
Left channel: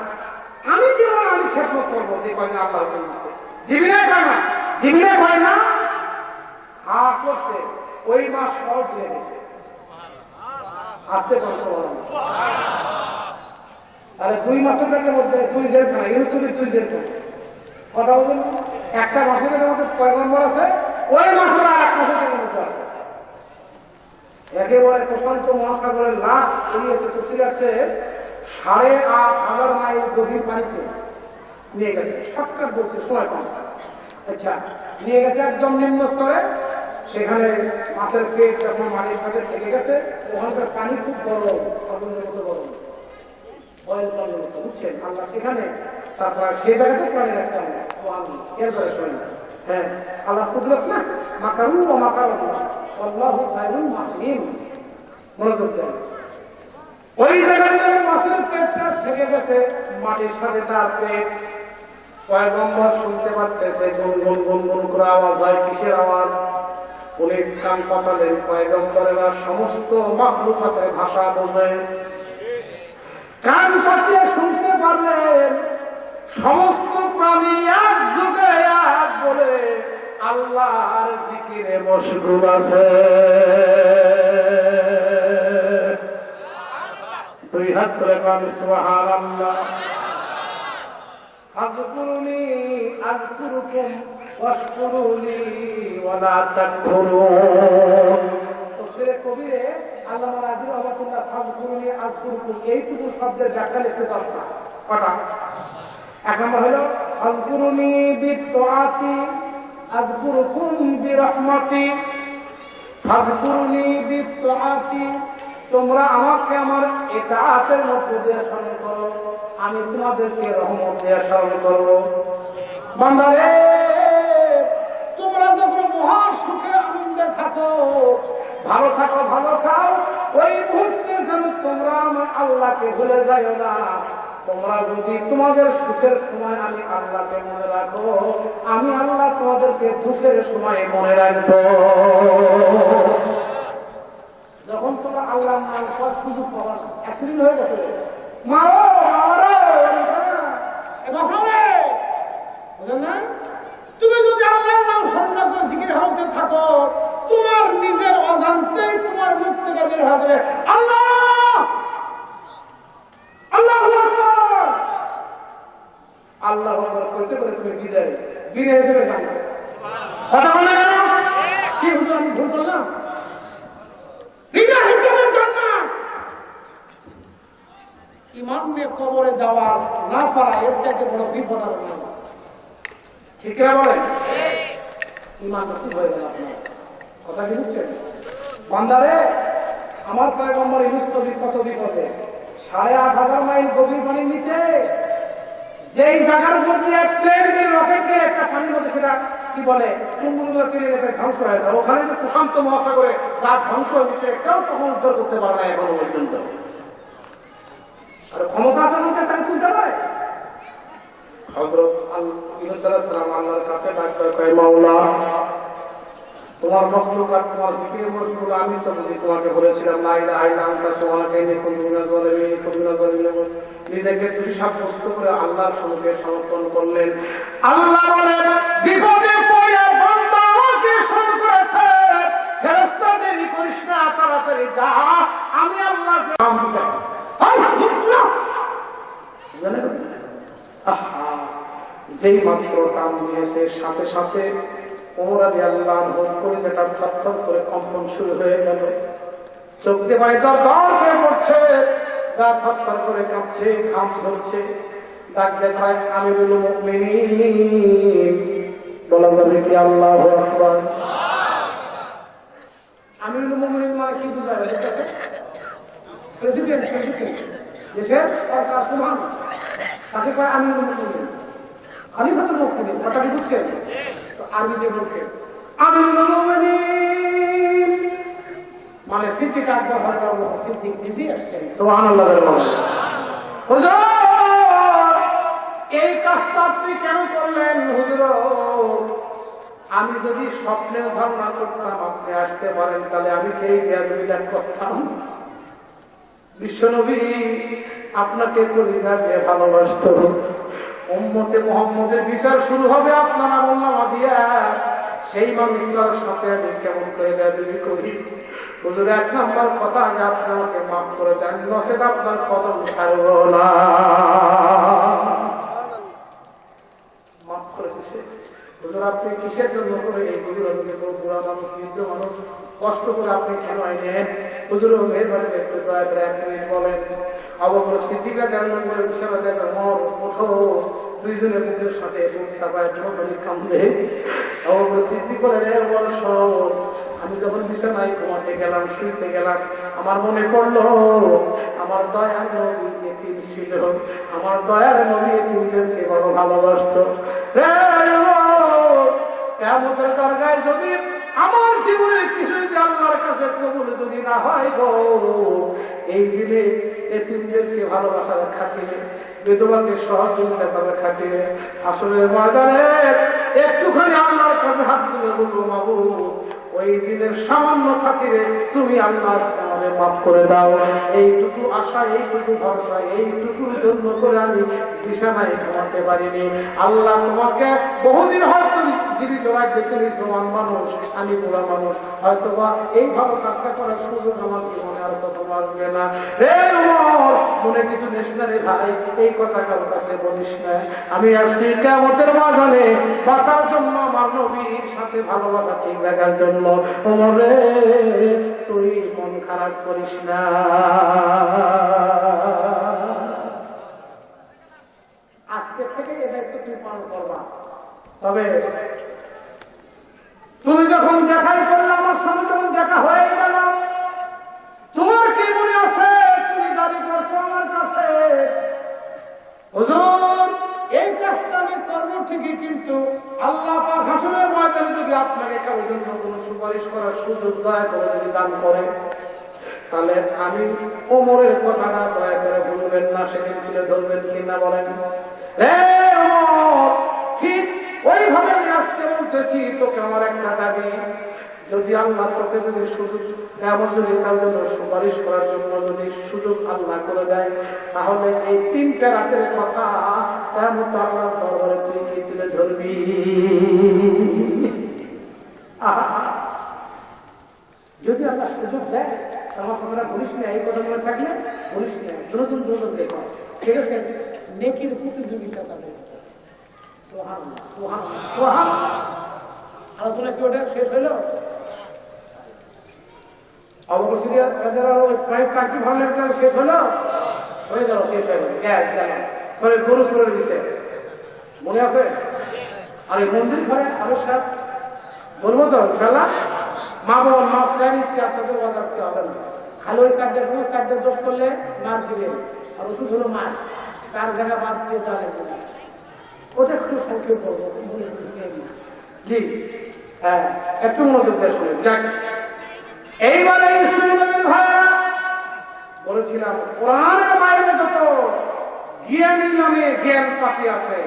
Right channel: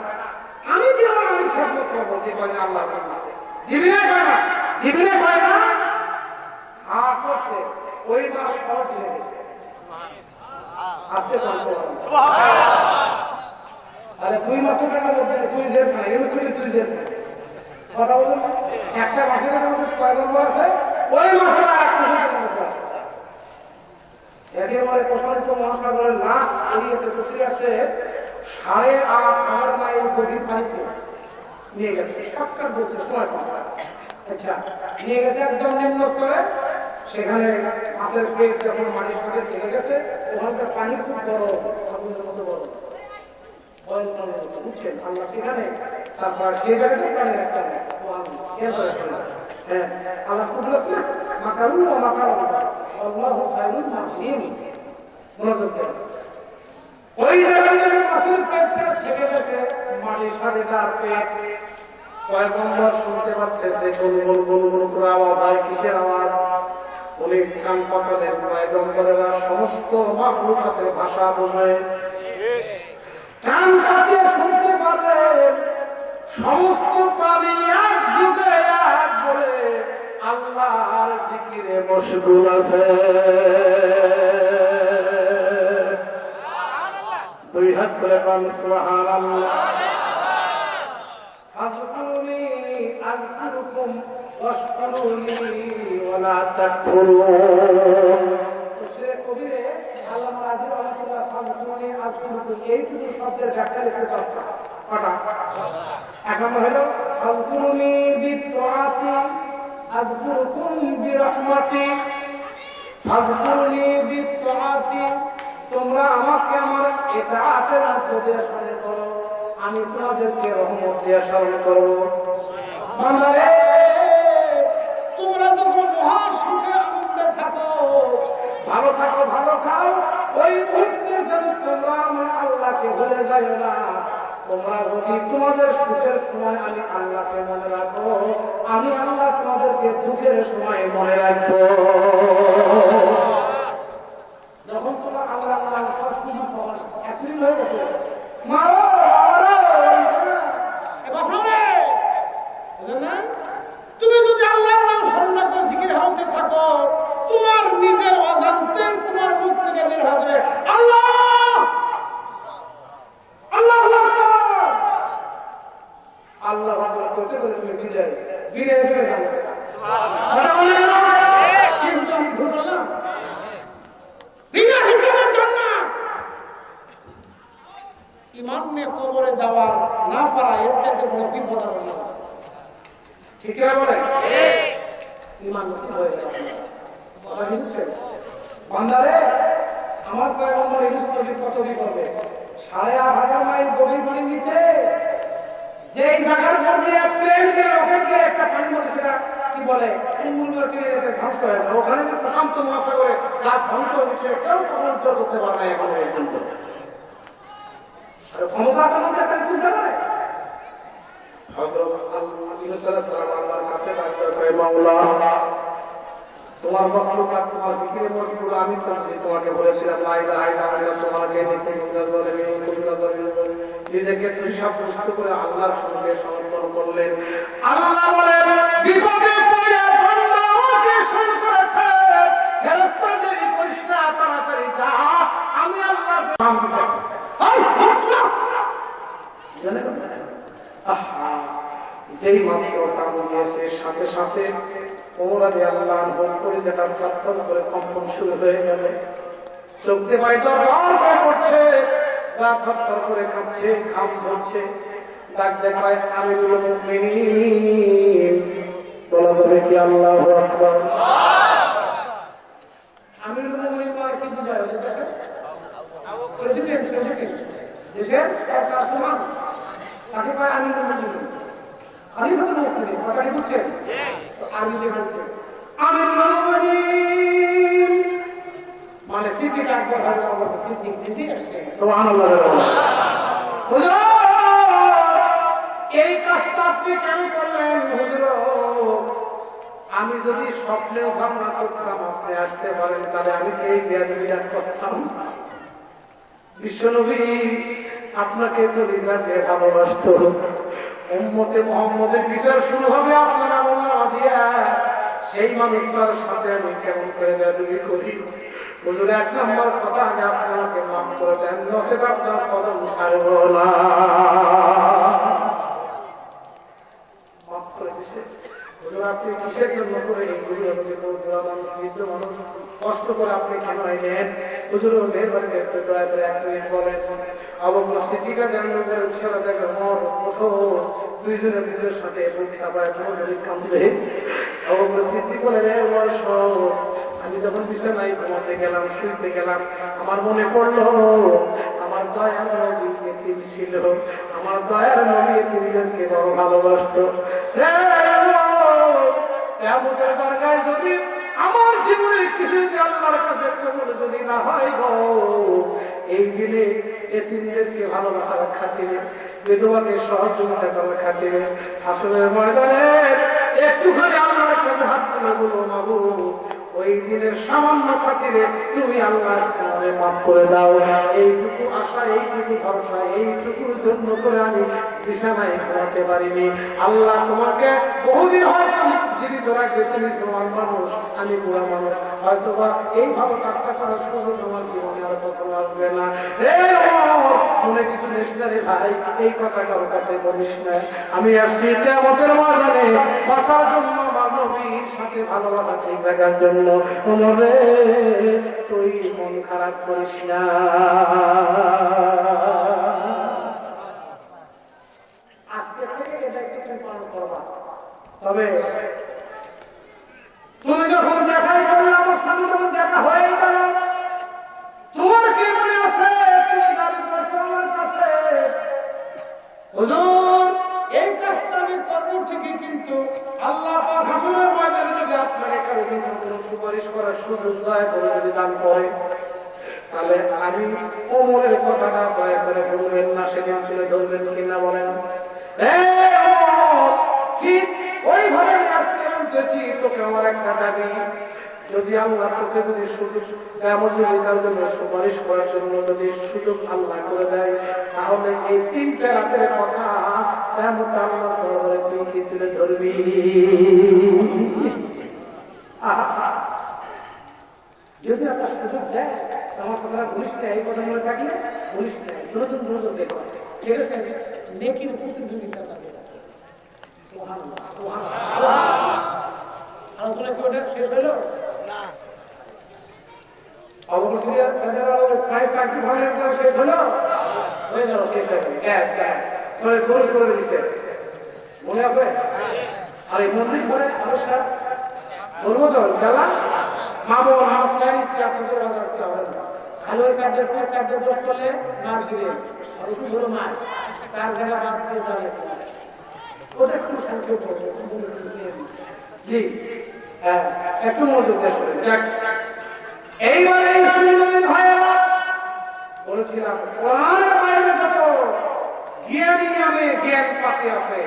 আমি জীবন আমি খেদমত করবো যে কয়না আল্লাহ দিয়েছে, দিবি না কয় না, দিবি না কয় না, হা করতে ওই মাস শর্ট হয়ে গেছে, আসতে পারতো আরে 2 মাসের মধ্যে 2 জেল না, ইউসুফি 2 জেল না, কথা বলুন। একটা মাসের মধ্যে কয় নম্বর আছে, ওই মাসের আর 1 মাসের মধ্যে আছে। একেবারে প্রশান্ত মহাসাগরের লাশ এরিয়াতে পৌঁছে গেছে 8,500 মাইল গভীর পানিতে নিয়ে গেছে। শর্টকাট বলছে, সময় কম। আচ্ছা, নিয়ে গেছে একদম নিম্ন স্তরে, সেখানে মাছের পেট যখন মাটির সাথে থেকে গেছে, ওখানকার পানি খুব বড়, আগুনের মতো বড়, বয়ল পানির মতো, বুঝছেন? আল্লাহ সেখানে তারপর সেই জায়গাতে পানি রাখছে। হ্যাঁ, আল্লাহ কুদরত না, মাকারু ও মাকারু আল্লাহু খায়রুল মাকিরিন। মনোযোগ দেন, ওই জায়গায় মাছের পেটটা থেকে গেছে, মাটির সাথে তার পেট। পয়গম্বর শুনতে পারতেছে গুনগুন গুনগুন করে আওয়াজ হয়, কিসের আওয়াজ? উনি কান পাতালেন, পয়গম্বরেরা সমস্ত মাখলুকাতের ভাষা বোঝে, কান পাতিয়ে শুনতে পারলেন সমস্ত প্রাণী এক যুগে এক বলে আল্লাহর জিকিরে মশগুল আছে। 2 হাত তুলে পান সুবহানাল্লাহ। আযকুরুনি আযকুরুকুম ওয়াশকুরুনি ওয়ালা তাকফুরুন। তফসিরে কবিরে আল্লামা রাজি রাহমাতুল্লাহ আযকুরুনি আযকুরুকুম এই দুটো শব্দের ব্যাখ্যা লিখতে পারতাম। কটা? এক নম্বর হলো আযকুরুনি বিত্তাআতি আযকুরুকুম বিরাহমাতি। আযকুরুনি বিত্তাআতি, তোমরা আমাকে আমার ইতাআতের মধ্যে দিয়ে স্মরণ করো, আমি তোমাদেরকে রহমত দিয়ে স্মরণ করব। বান্দারে, তোমরা যখন মহা সুখে আনন্দে থাকো, ভালো থাকো, ভালো খাও, ওই মুহূর্তে যেন তোমরা আমার আল্লাহকে ভুলে যাইও না। তোমরা যদি তোমাদের সুখের সময় আমি আল্লাহকে মনে রাখো, আমি আল্লাহ তোমাদেরকে দুঃখের সময় মনে রাখবো। যখন তোমরা আল্লাহ নাম সব সুযোগ পাবো না, অ্যাক্সিডেন্ট হয়ে গেছে, মারো তুমি যদি আল্লাহর নাম স্মরণ করে জিকির হালতে থাকো, তোমার নিজের অজান্তে তোমার মুখ থেকে বের হয়ে যাবে আল্লাহ আল্লাহ আল্লাহ করতে করে তুমি বিদায় বিদায় চলে যাবে। কথা বলে না কি আমি ভুল বললাম? বিনা হিসেবে জান্নাত। ঈমান নিয়ে কবরে যাওয়ার না পারা এর চাইতে বড় বিপদ আর নেই। ঠিক না বলে? ঈমান নসিব হয়ে গেল। কথা বুঝছেন? বান্দারে, আমার পয়গম্বর ইউনূস নবী কত বিপদে, 8,500 মাইল গভীর পানির নিচে, যেই জায়গার মধ্যে প্লেন দিয়ে রকেট দিয়ে একটা পানির মধ্যে সেটা কি বলে চুম্বুর কিনে ধ্বংস হয়ে যায়, ওখানে প্রশান্ত মহাসাগরে যা ধ্বংস হয়েছে কেউ তখন উদ্ধার করতে পারে না এখনো পর্যন্ত। আর ক্ষমতা কানুনকে তাকে তুলতে পারে। হযরত ইউনূস আলাইহিস সালাম আল্লাহর কাছে ডাকতে কয়, মাওলা তোমার মখলুকাত তোমার জিকিরে মশগুল, আমি তো বুঝি তোমাকে বলেছিলাম লা ইলাহা ইল্লাল্লাহ, তোমাকে নিজেকে তুই সাব্যস্ত করে আল্লাহর সঙ্গে সমর্পণ করলেন। আল্লাহ বলেন, বিপদে পড়ে বান্দা আমাকে শরণ করেছে, ফেরেশতা দেরি করিস না, তাড়াতাড়ি যা, আমি আল্লাহ নাম দিছি। এই মুখলা জানেন, আহা যেই মাত্র কাম দিয়েছে সাথে সাথে ওমর রাদিয়াল্লাহু আনহু করে যেটা থরথর করে কম্পন শুরু হয়ে গেল, চোখ দিয়ে পানি দরদর করে পড়ছে, গা থরথর করে কাঁপছে, ঘাম ধরছে। ডাক দেখায় আমিরুল মুমিনিন, বলা বলে কি আল্লাহু আকবার। আমিরুল মুমিনিন মানে কি বোঝা যায়? প্রেসিডেন্ট, দেশের সরকার প্রধান, তাকে কয় আমিরুল মুমিনিন, খলিফাতুল মুসলিমিন। কথা কি বুঝছেন? আরবিতে বলছে আমিরুল মুমিনিন মানে সিদ্দিক আকবর রাদিয়াল্লাহু আনহু, সিদ্দিক নিজে আসছে। সুবহানাল্লাহ। হুজুর এই কাজটা আপনি কেন করলেন? হুজুর আমি যদি স্বপ্নেও ধারণা করতাম আপনি আসতে পারেন, তাহলে আমি সেই বেয়াদবিটা করতাম। বিশ্বনবী আপনাকে তো রিজার্ভে ভালোবাসত, উম্মতে মুহাম্মদের বিচার শুরু হবে আপনার আমলনামা দিয়া, সেই মানুষটার সাথে আমি কেমন করে বেয়াদবি করি? হুজুর এক নম্বর কথা যে আপনি আমাকে মাফ করে দেন, নচেত আপনার কদম ছাড়ব না। মাফ করে দিছে। হুজুর আপনি কিসের জন্য করে এই গুরুকে মানুষ কষ্ট করে আপনি কেন আইনেন? হুজুর মেহরবানি একটু দয়া করে এক মিনিট বলেন। আবু বকর সিদ্দিক রাদিয়াল্লাহু আনহু বিশাল জায়গা মর ওঠো, দুইজনের বুকের সাথে বুক চাপায় ধরে কাঁদে। আবু বকর সিদ্দিক বলে, রে ওমর শোন, আমি যখন বিছানায় ঘুমাতে গেলাম, শুইতে গেলাম, আমার মনে পড়লো আমার দয়ার নবী এতিম ছিল, আমার দয়ার নবী এতিমদেরকে বড় ভালোবাসতো। কিয়ামতের দরগায় যদি আমার জীবনের কিছু যদি আল্লাহর কাছে কবুল যদি না হয় গো, এই দিনে এতিমদেরকে ভালোবাসার খাতিরে, বিধবাকে সহযোগিতা করার খাতিরে, হাসরের ময়দানে একটুখানি আল্লাহর কাছে হাত তুলে বলবো, মাবুদ ওই দিনের সামান্য খাতিরে তুমি আল্লাহ আমাদের মাফ করে দাও। এইটুকু আশা, এইটুকু ভরসা, এইটুকুর জন্য করে আমি বিছানায় ঘুমাতে পারিনি। আল্লাহ তোমাকে বহুদিন হয়তো জীবিত রাখবে, তুমি তোমার মানুষ, আমি তোমার মানুষ, হয়তো বা এইভাবে কাজটা করার সুযোগ আমার জীবনে আর কখনো আসবে না। মনে কিছু নেস না রে ভাই, এই কথা কারোর কাছে বলিস না। আমি আসছি কিয়ামতের ময়দানে বাঁচার জন্য, নবীর সাথে ভালোবাসা ঠিক রাখার জন্য। ওমরে তুই মন খারাপ করিস না, আজকে থেকে এই দায়িত্ব তুমি পালন করবা। তবে তুমি যখন দেখাই করলে আমার সাথে, যখন দেখা হয়ে গেল, তোমার কি মনে আছে তুমি দাবি করছো আমার কাছে, হুজুর এই কাজটা আমি করবো ঠিকই, কিন্তু আল্লাহ পাক হাসরের ময়দানে যদি আপনাকে কারোর জন্য কোনো সুপারিশ করার সুযোগ দয়া করে যদি দান করে, তাহলে আমি ওমরের কথাটা দয়া করে বলবেন না, সেদিন তুলে ধরবেন কিনা বলেন? ঠিক ওইভাবে আমি আজকে বলতেছি, তোকে আমার একটা দাবি, যদি আল্লাহ তোকে যদি সুযোগ সুপারিশ করার জন্য যদি সুযোগ আল্লাহ করে দেয়, তাহলে এই তিনটা রাতের কথা আল্লাহ দরবারে তুই কি তুলে ধরবি? যদি আল্লাহ সুযোগ দেয়, আমার কথাটা বলিস না, এই কথাগুলো থাকলে বলিস না, নতুন নতুন দেখো, ঠিক আছে? নেকির প্রতিযোগিতা থাকে। সুবহানাল্লাহ, সুবহানাল্লাহ, সুবহানাল্লাহ। আলোচনা কি ওটা শেষ হইল? অবশ্যই প্রায় কাটি ভালো শেষ হলো, হয়ে গেল, শেষ হয়ে গেল। গরু চলে দিচ্ছে, মনে আছে? আর এই মন্দির ঘরে অবশ্যই বলবো তো খেলা মা বাবা আমার ফ্যান ইচ্ছে আপনাদের কথা আজকে হবে না। খালি ওই সাবজেক্ট ওই সাবজেক্ট দোষ করলে মার দিবে, অবশ্যই ধরো মার তার জায়গা বাদ দিয়ে তাহলে ওটা একটু সংক্ষেপ করবো। জি হ্যাঁ, একটু মনোযোগ দিয়ে শুনে যাক। এইবারে ভাইয়া বলেছিলাম কোরআনের বাইরে যত জ্ঞানী নামে জ্ঞান পাতি আছে,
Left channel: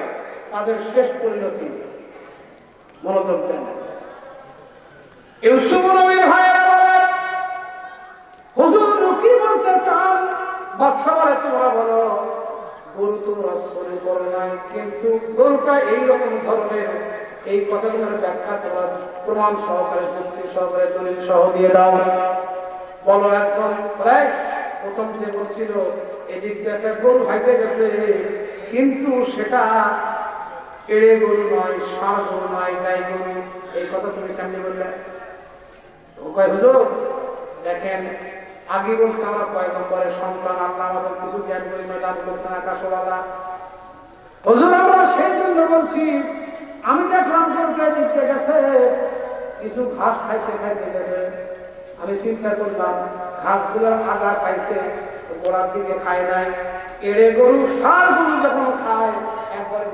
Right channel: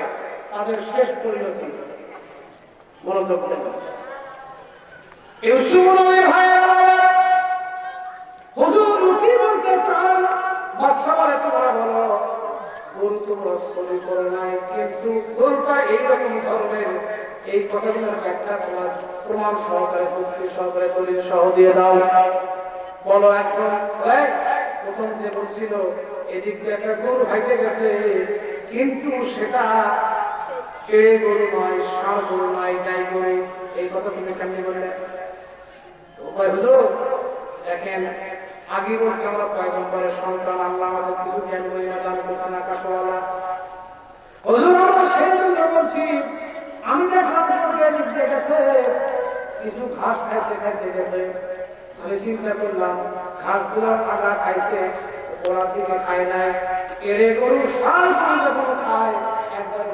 তাদের শেষ পরিণতি মনোযোগ দেন। ইউসুফ নবীর ভাইয়েরা হুজুর কি বলতে চান? বাদশা বলে তোমরা বলো গরু তোমরা চলে করে নাই, কিন্তু গরুটা এইরকম ধরনের, এই কথাগুলোর ব্যাখ্যা তোমরা প্রমাণ সহকারে যুক্তি সহকারে দলিল সহ দিয়ে দাও। বলো এখন প্রথম যে বলছিল এদিক দিয়ে একটা গরু হাইতে গেছে, কিন্তু সেটা এড়ে গরু নয়, ষাঁড় গরু নয়, গাই গরু, এই কথা তুমি কেমনি বললে? হুজুর দেখেন আগে বলছে আমরা পয়গম্বরের সন্তান, আল্লাহ আমাদের কিছু জ্ঞান গরিমা দান করছেন আকাশওয়ালা। হুজুর আমরা সেই জন্য বলছি, আমি দেখলাম গরুটা দিতে গেছে, কিছু ঘাস খাইতে খাইতে গেছে, আমি চিন্তা করলাম ঘাসগুলো আগা খাইছে, গোড়ার দিকে খায় নাই, এড়ে গরু ষাঁড় গরু যখন খায় একবারে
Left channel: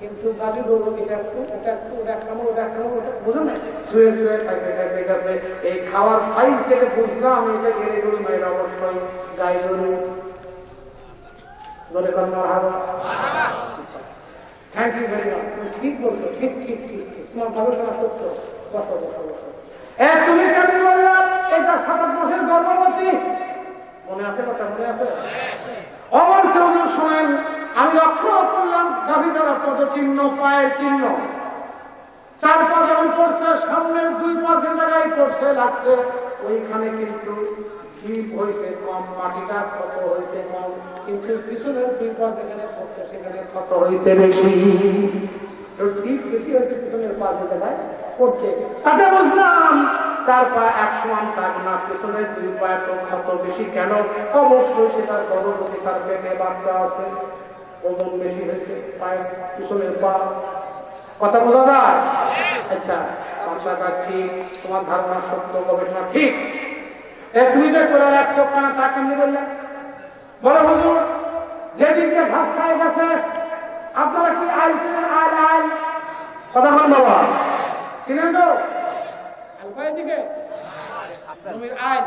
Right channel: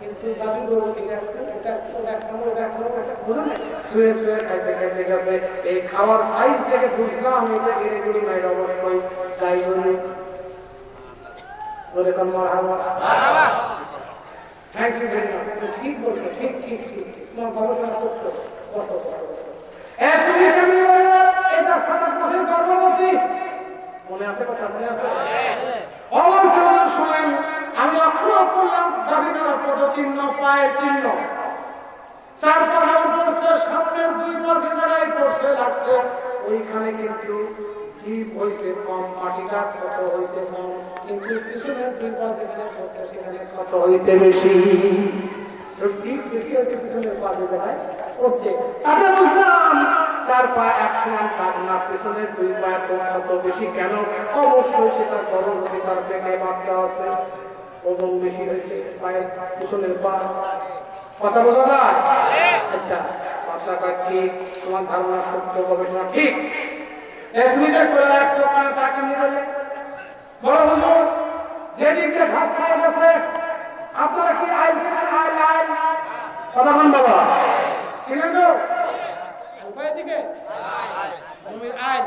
কিন্তু গাভী গরু এটা একটু ওটা একটু ওটা একটা ওটা একটা বুঝো না, শুয়ে শুয়ে খাইতে খাইতে গেছে। এই খাওয়ার সাইজ থেকে বুঝলাম এটা এড়ে গরু নয়, অবশ্যই গাই গরু। বলে থ্যাংক ইউ ভেরি মাচ, তুমি ঠিক বলছো, ঠিক ঠিক ঠিক ঠিক, তোমার গবেষণা সত্য। তুমি কেমনি বলে এটা 7 মাসের গর্ভবতী, মনে আছে কথা? মনে আছে? অবশ্য শোনেন, আমি লক্ষ্য করলাম গাভীটার পদচিহ্ন, পায়ের চিহ্ন, 4 পা যেমন পড়ছে, সামনের 2 পা যে জায়গায় পড়ছে লাগছে, ওইখানে কিন্তু জীব হয়েছে কম, মাটিটা কত হয়েছে কম, কিন্তু পিছনের 2 পা যেখানে পড়ছে সেখানে কত হয়েছে বেশি। পিছনের পা যে জায়গায় পড়ছে তাতে বুঝলাম 4 পা 1 সমান থাক না, পিছনের 2 পা কত বেশি। কেন? অবশ্যই সেটা গর্ভবতী, তার পেটে বাচ্চা আছে, ওজন বেশি হয়েছে পায়ের পিছনের পা। কথা বলা যায়? আচ্ছা, ভাষাটা ঠিক, তোমার ধারণা সত্য, গবেষণা ঠিক। 1 মিনিটে করে 100 টাকা তা কিনে বললে বড় হুজুর যেদিকে ঘাস খায় গেছে, আপনারা কি আইছিলেন? আইন কথা বল বাবা, চিনেন তো উপায় দিকে জমির আইন,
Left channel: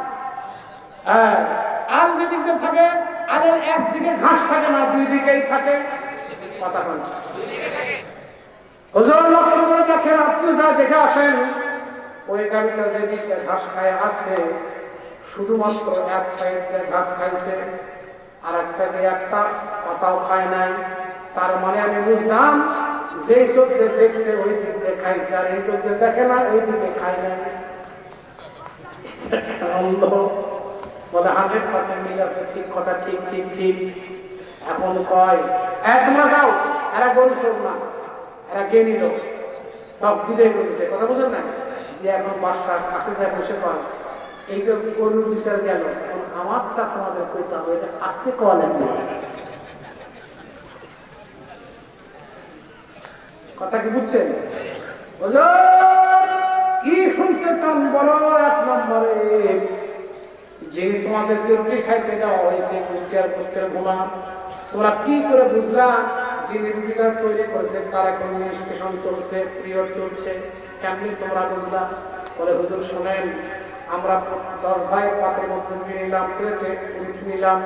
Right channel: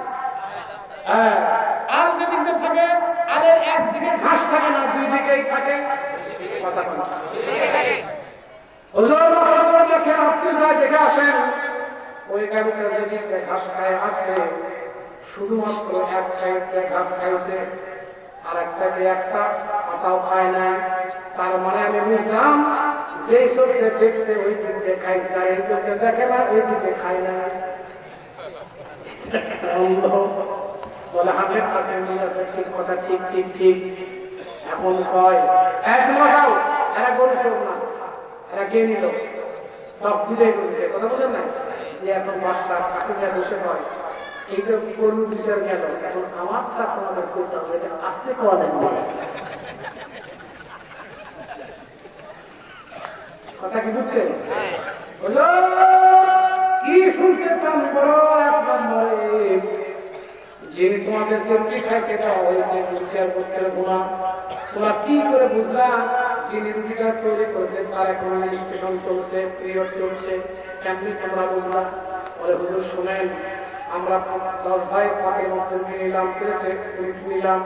আল যেদিকে থাকে, আলের একদিকে ঘাস থাকে না, 2 দিকেই থাকে। কথা বল হুজুর, লক্ষ্য দেখেন, আপনি যা দেখে আসেন, ওই গাড়িটা যেদিকে ঘাস খায় আসছে, শুধুমাত্র 1 সাইডে ঘাস খাইছে, আর 1 সাইডে একটা পাতাও খায় না। তার মানে আমি বুঝলাম যে চোখে দেখছে ওই দিকে খাইছে, আর এই চোখে দেখে না ওই দিকে খায় না। বলে 100% মিল আছে, ঠিক কথা, ঠিক ঠিক ঠিক। এখন কয় এক মাসাও এরা গরু না, এরা কে নিল, সব বুঝে করেছে। কথা বুঝে না যে এখন বাসা কাছে যা বসে কয় এই তো গরুর বিষয় গেল, এখন আমারটা তোমাদের করতে হবে, এটা আসতে কওয়া লাগবে। কথা কি বুঝছেন? বলো কি শুনতে চান? বড় 1 নম্বরে যিনি তোমাদেরকে রুটি খাইতে দেওয়া হয়েছে, পুষ্টের গুণা, তোমরা কি করে বুঝলা যিনি রুটিটা তৈরি করেছে তার এখন স্টেশন চলছে, পিরিয়ড চলছে, এমনি তোমরা বুঝলা? বলে হুজুর শোনেন, আমরা 10 ভাই পাতের মধ্যে নিলাম, প্লেটে রুটি নিলাম,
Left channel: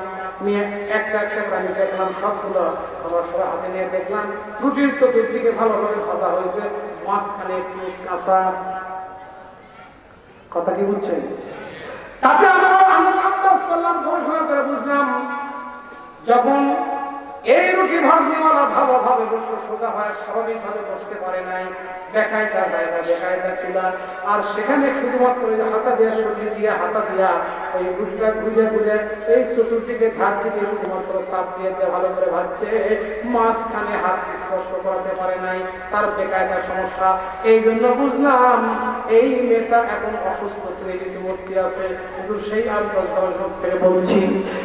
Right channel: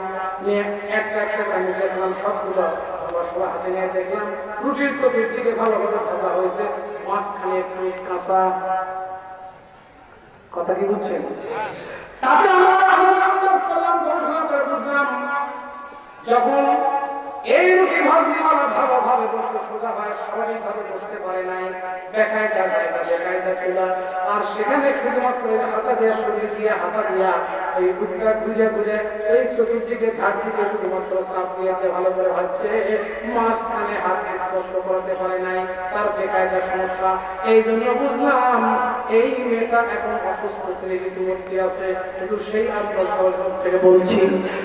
নিয়ে একটা একটা করে দেখলাম, সবগুলো আমরা সবাই হাতে নিয়ে দেখলাম, রুটির তো 2 দিকে ভালোভাবে ভাজা হয়েছে, মাঝখানে একটু কাঁচা। কথা কি বুঝছেন? তাতে আমি আন্দাজ করলাম, গবেষণা করে বুঝলাম, যখন এই রুটি ভাজনিওয়ালা ভালোভাবে বসে সোজা হয়, স্বাভাবিকভাবে বসতে পারে নাই, বেকায়দা জায়গা, বেকায়দা চুলা, আর সেখানে শুধুমাত্র হাতা দিয়ে, শরীর দিয়ে, হাতা দিয়া এই রুটিটা ঘুরে ঘুরে এই চতুর্দিকে ধার দিকে শুধুমাত্র চাপ দিয়ে ভালো করে ভাজছে, মাঝখানে হাত স্পর্শ করাতে পারে নাই, তার বেকায়দা সমস্যা। এই জন্য বুঝলাম এই মেয়েটা এখন অসুস্থ রীতিমূর্তি আছে, কিন্তু সেই আর থেকে বলছি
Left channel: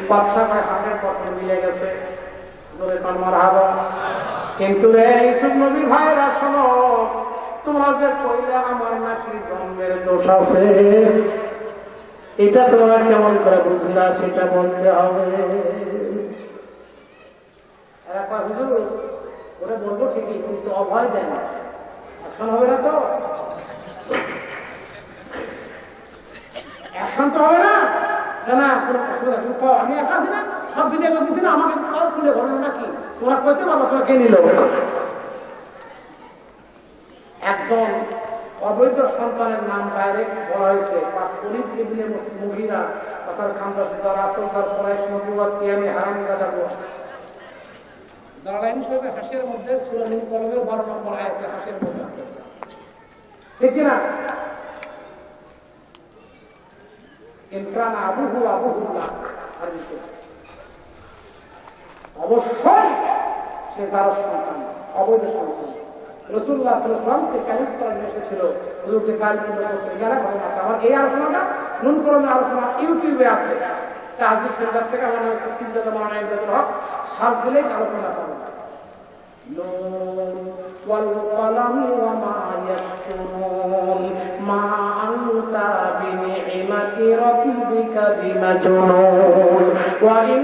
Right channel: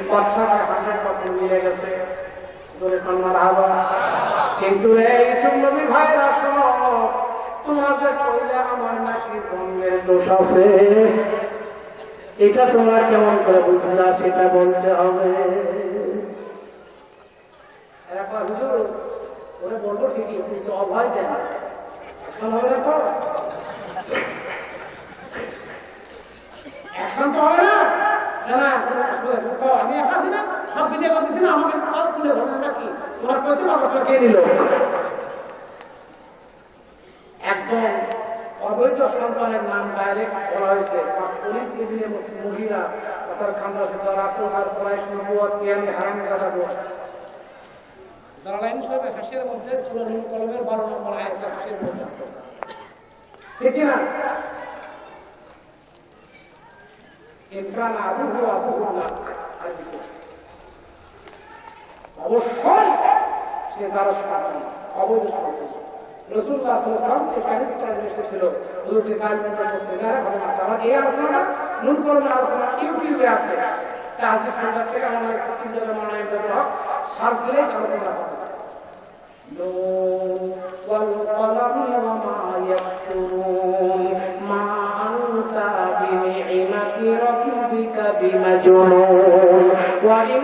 বাচ্চা হাতের পত্র নিয়ে গেছে। কিন্তু নবীর ভাইরা শোনো, তোমাদের আমার নাকি জন্মের দোষ আছে, এটা তোমরা কেমন করে বুঝলা সেটা বলতে হবে। ওরা বলবো ঠিকই, কিন্তু অভয় দেয় না, এখন হবে না তো, এখন তো হবে না, না আমি একা আছি না, সব ভিডিও করতেছি না, আমাকে তুলে ঘটনাটা কি তোমার করতে পারবো, তোমার কে নিল? একদম অবৈধ সন্তানের নাম ডাইরেক্ট বলা হয়েছে। দিনের মহিলা খামরা সেটা রাসূল সাল্লাল্লাহু আলাইহি হারাম দালালাইন শরীফের হাসির মধ্যে সূরা নূর কলমের 12 নম্বর আয়াতে হাসির মধ্যে আছে, ঠিক না? ইনকান আবুহুল্লাহ, অবশ্যই সে যার সন্তান, অবৈধ সন্তান। রাসূলুল্লাহ সাল্লাল্লাহু আলাইহি ওয়াসাল্লাম চ্যালেঞ্জ করেন এসেছিল, হুজুরকে কাল পর্যন্ত এগারা ঘটনা আছে। আমার এই আলোচনাটা নূর কলমের আলোচনা ইউটিউবে আছে, তাজদিদ সন্তান থেকে আমার তিন জায়গা মানায় হক সাত দিলে আলোচনা হবে। والقلم وما يسطرون ما أنت بنعمة ربك بمجنون وإن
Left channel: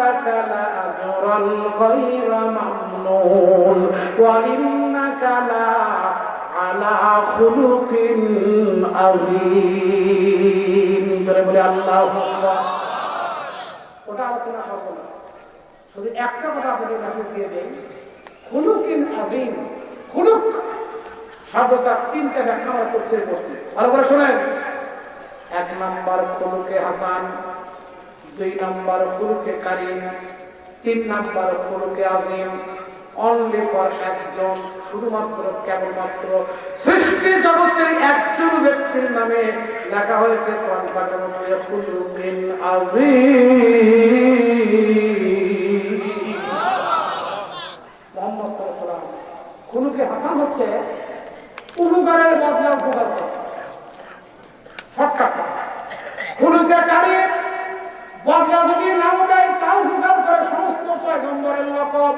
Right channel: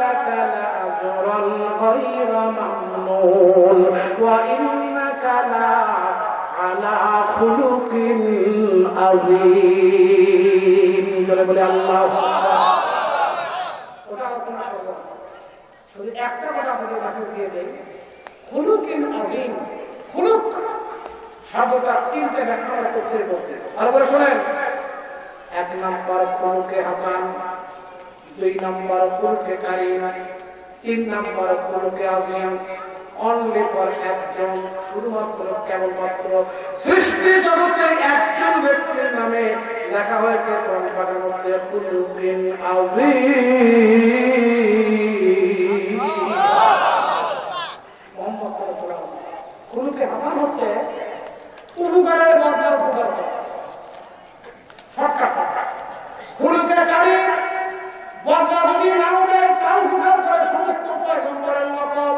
لك لأجرا غير ممنون وإنك لعلى خلق عظيم. الله ওটা আলোচনা করব না, শুধু একটা কথা আপনাদের কাছে দিয়ে দেই, খুলুকিন আযীম। খুলুক শব্দটা তিনটা ব্যাখ্যা আমরা তফসির করছি, ভালো করে শুনেন। 1 নাম্বার খুলুকে হাসান, 2 নাম্বার খুলুকে কারীম, 3 নাম্বার খুলুকে আযীম। অনলি ফর একজন, শুধুমাত্র কেবলমাত্র সৃষ্টি জগতে একজন ব্যক্তির নামে লেখা হয়েছে কোরআন পাকের মধ্যে খুলুকিন আযীম। খুলুকে হাসান হচ্ছে উপকারের বদলে উপকার করা, শর্টকাট। খুলুকে কারীম বদলা যদি নাও দেয় তাও উপকার করে, সমস্ত পয়গম্বরের লকব,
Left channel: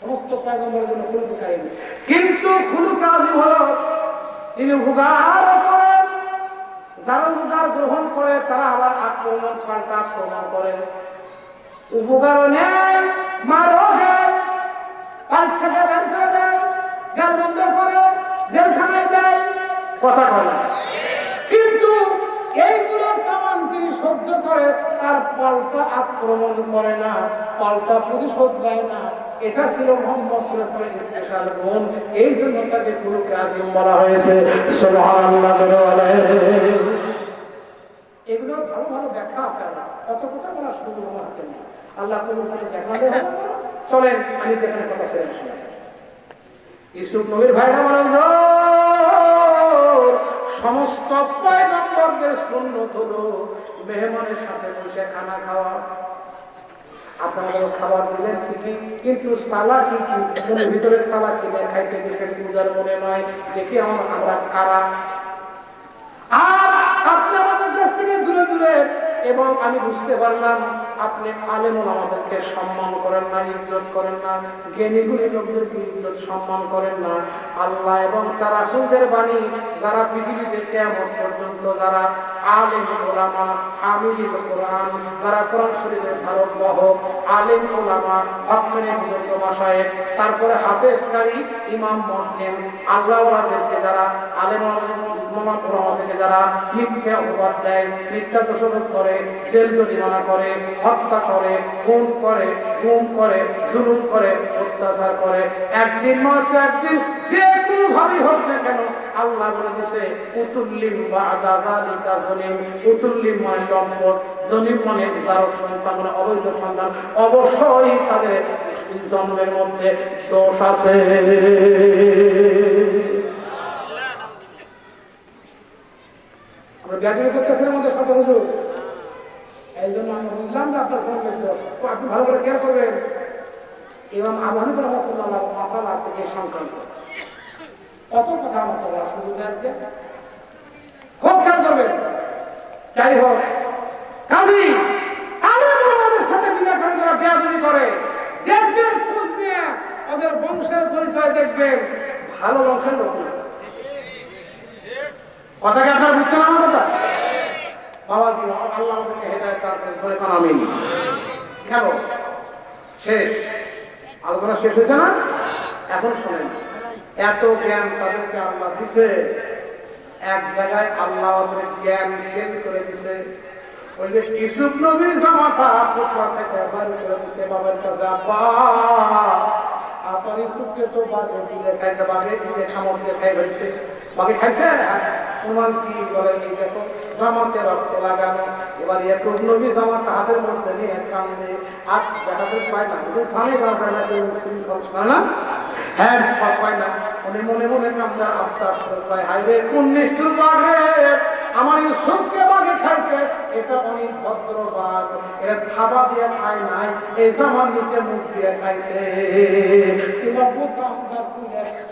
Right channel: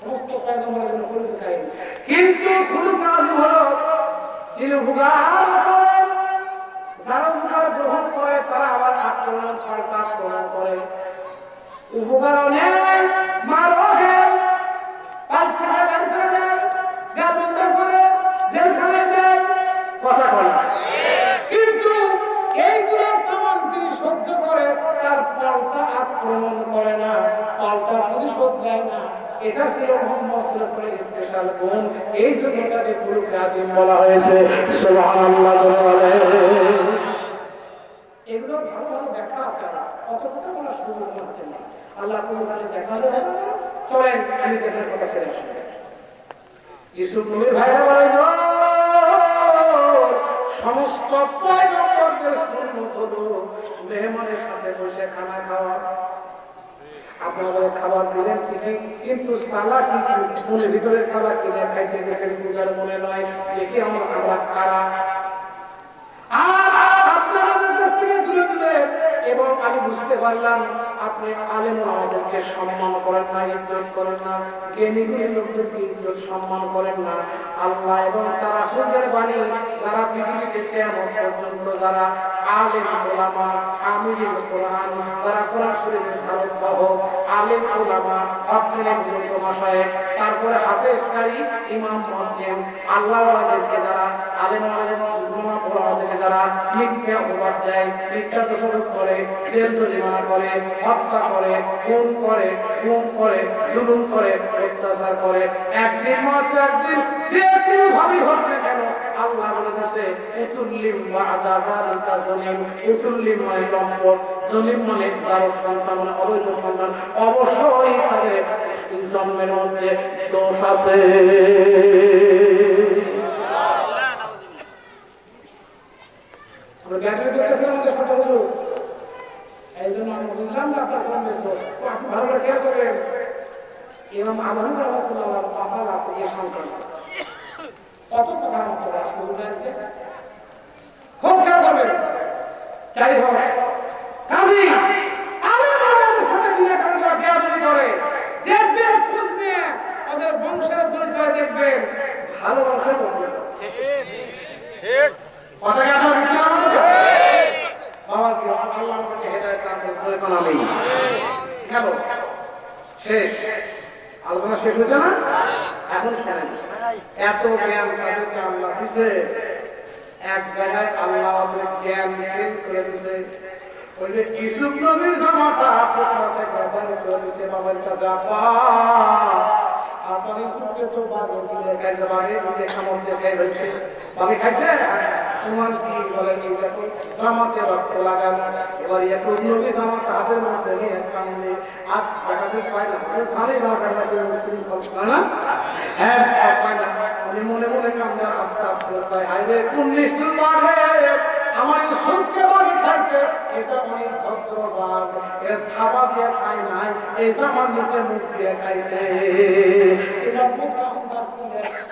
সমস্ত পয়গম্বরের জন্য খুলুকে কারীম। কিন্তু খুলুকে আযীম হলো তিনি উপকার করেন, যারা উপকার গ্রহণ করে তারা আবার আক্রমণ করে, উপকারও নেয়, মারও দেয়, পাঁচ থেকে বের করে দেয়, গাল বন্ধ করে জেলখানায় দেয়, কথা বলে। কিন্তু এইগুলো তেমন তিনি সহ্য করে, তার পাল্টা আক্রমণ করে না, পাল্টা প্রতিশোধ দেয় না। এটা ছিল মুহাম্মদ সাল্লাল্লাহু আলাইহি ওয়াসাল্লামের স্পেশাল গুণ। এই জন্য তাকে খুলুকে আযীম বলা হয়েছে। সুবহানাল্লাহ। এগুলো ভালো ভালো ব্যাখ্যা আছে, কত কথা বলার সুযোগ করতে নেই। আল্লাহ কোরআনে দেখা দেয়। চলেন আমি যেখানে কথা ছেড়ে আসি, ইউসুফ নবীর ভাইরা বলেন সমস্ত পয়গম্বরদের সুন্নত হলো মেহমানের সাথে বসে খানা খাওয়া। আপনারা খাবার দিলেন ঠিকই, কিন্তু সালা কি মনের ভিতরে সালা কিনে খাইতে গেছেন পূজার মনে নয়, দেখি আমরা কারা। আর আপনাদের কাছ থেকে দূরে দূরে, এবং আমি বুঝতে পারলাম আপনি আলেম আমাদেরকে সম্মান করেন না, ইজ্জত করেন না, জ্ঞানী গুণী লোকদেরকে ইজ্জত সম্মান করেন না। আল্লাহ এবং তার রাসূলের বাণী যারা পৃথিবীতে কিয়ামত পর্যন্ত যারা আলেম উলামা, হামিদুল কোরআন, যারা কোরআন শরীফের ধারক বাহক, আলেম উলামা, হকনের যোগ্য মাশায়েখ, তারপরে হাফেজ কারী, ইমাম মুয়াজ্জিন, আল্লাহ ওয়াদেরকে যারা আলেম আমাদেরকে যারা মিথ্যা অপবাদ দেয়, মিথ্যা দোষারোপ করে, জেল জরিমানা করে, হত্যা করে, খুন করে, গুম করে, জুলুম করে, অত্যাচার করে, একদিন নয়তো একদিন যে কোনোভাবেই হোক না কেন, আল্লাহ বলে দিয়েছে উতুল্লিম বা'দা যালিকা জলিম। উতুল্লিম মানে লম্পট, জলিম মানে যার সন্তান মানে অবৈধ সন্তান, অবশ্যই তাদের জন্মের মধ্যে দোষ আছে। আমরা ব্যাটারি করতেছিলাম আমাদের সাথে হুজুর, এই জন্য আমি বুঝলাম না আপনার ফোন আপনি ভালো করে খেয়াল করবেন। ইমাম আবু হানিফা রাহমাতুল্লাহ মাসাল আছে এই সন্তান, কত কথা মতো শুরু হয়েছে, খুব খেয়াল করবেন। যাই হোক, কাজী আমাদের সাথে বিনা কারণে যারা বেয়াদবি করে দেখবেন, খোঁজ নিয়ে ওদের বংশের পরিচয় দেখবেন, ভালো বংশের লোক না। কথাটা আপনারা বুঝছেন আমাদের? বাবা কি আল্লাহ আমাদেরকে হেদায়েত করে কোন নেই। কেন শেষ আলোচনা শেষ হয়েছে না? এখন শোনেন, এত জ্ঞান তাদেরকে আল্লাহ দিছে, এক জায়গায় আল্লাহ ওদের জ্ঞান ফেল করে দিছে, ওই যে ইউসুফ নবীর জামাতা পুকুর থেকে বের করে দিছে বাবার কাছে, আব্বা আপনার ইউসুফকে তো বাগে দিলে খাইছে, বাগে দিলে খামর দিয়ে খাই হয়েছে, বাগে খাইছে। তোমার কি বলেন, এই দেখো জামাতে রক্ত লাগানো। এবার ইয়াকুব নবী জামাতা হাতের মধ্যে নিয়ে কান্দে, আর দেখাতে পায় না, সামনে দরকার না, কেউ মুসলিম হয় না, হ্যাঁ পায় না। উনি মনে মনে কান্দে, আস্তে আস্তে পায়, হাইরে কোন নিষ্ঠুর বাঘে আমার ইউসুফকে বাগে খাইছে। এটা অনেক ভদ্র বাঘ, এর থাবা দিয়ে খায় নাই, এই জামার নিচে মুখ দিয়ে খাইছে। এটা মুখটা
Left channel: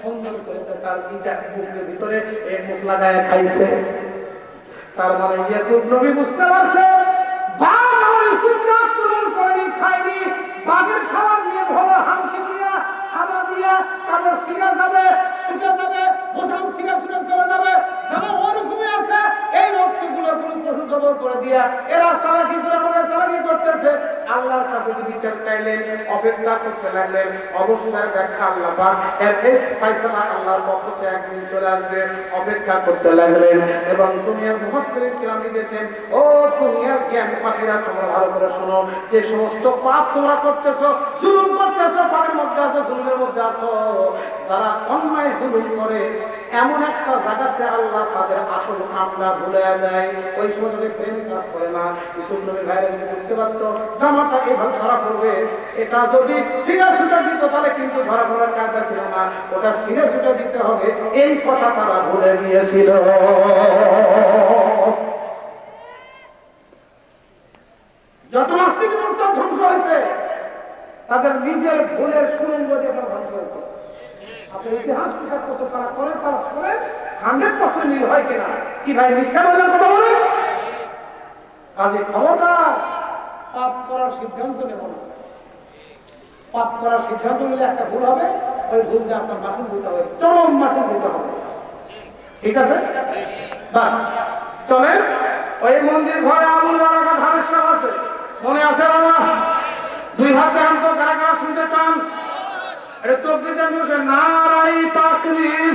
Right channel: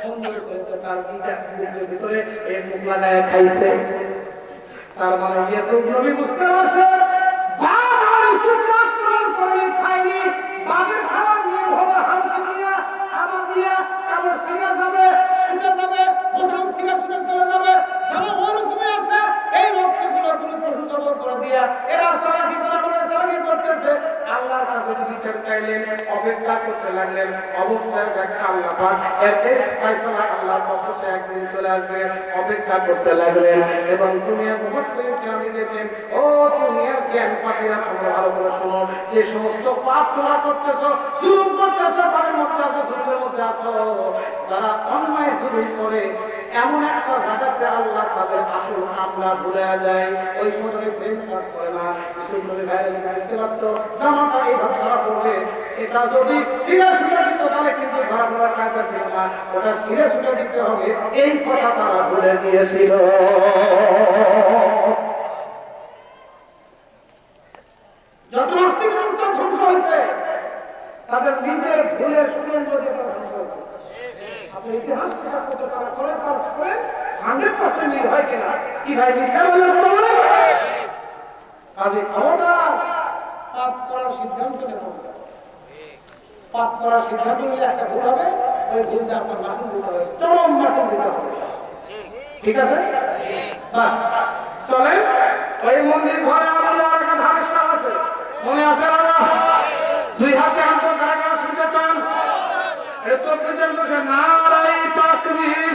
সুন্দর করে তার মুখের ভিতরে এই মুখ লাগায় খাইছে। তার মানে ইয়াকুব নবী বুঝতে পারছে বাঘ আমার ইউসুফকে আক্রমণ করেনি, খায়নি। বাঘের খাবার নিয়ে ভরা হামকি দিয়া খাওয়া দিয়া কারো সিনা যাবে, ছুটে যাবে, প্রথম সিনা ছুটে চলে যাবে, যারা ওরকমই আছে। এই রক্তগুলো কোনো পশু জবর করে দিয়া এরা সালাকি করে সালাকি করতেছে। আল্লাহর কাছে বিচার চাইলেন, অপেক্ষা করতে লাগলেন। অবস্থার ব্যাখ্যা আল্লাহ পাক এর ফয়সালা আল্লাহর পক্ষ থেকে একদিন চলে আসবে, অপেক্ষা করতে লাগলেন। এবং দুনিয়ার মুফাসসিরিন কিরাম লিখেছেন, ও দুনিয়ার জ্ঞান পাখিরা তোমরা ভালো করে শোনো, যে সমস্ত পাপ তোমরা করতেছো, জুলুম করতেছো, পাপের মধ্যে আছো, জুলুমের মধ্যে আছো, যারা অন্যায় জুলুম করে এমন একটা জায়গাতে আল্লাহ তাদের আসল কামনা ভুলে যায়। ওই সময় প্রেস কাজ করে না। ইউসুফ নবী ভাইরা যদি বুঝতে পারতো জামাটা এইভাবে ধরা পড়বে, এটা যদি সিরা সুটা দিত তাহলে কিন্তু ধরা পড়ার কাজটা ছিল না, ওটা সিরা সুটা দিতে হবে, এই কথা তারা ভুলে গিয়েছিল। যত নাস্তিক মন্ত্র ধ্বংস হয়েছে তাদের নিজের ভুলের সুরের মধ্যে ধ্বংস হয়েছে। আপনি ইতিহাস বিচার করতে তারা করেন, তারা করেন 100% মিল হয় কিনা, কি ভাই মিথ্যা বলে কথা বলে? কাজে ক্ষমতার পাপ করার সিদ্ধান্ত নেব, পাপ করার সিদ্ধান্ত নিলে একটা ভুল হবে, ওই ভুলটা আপনার মাসুল দিতে হবে, চরম মাসুল দিতে হবে। ঠিক আছে, বাস চলেন। ওই মন্দির ঘরে আগুন লাগার ধারণা আছে, মনে আছে না? দুই হাতে আনতো কারা কারা শুনতে চান? এটা তো নারাই তাকবীর।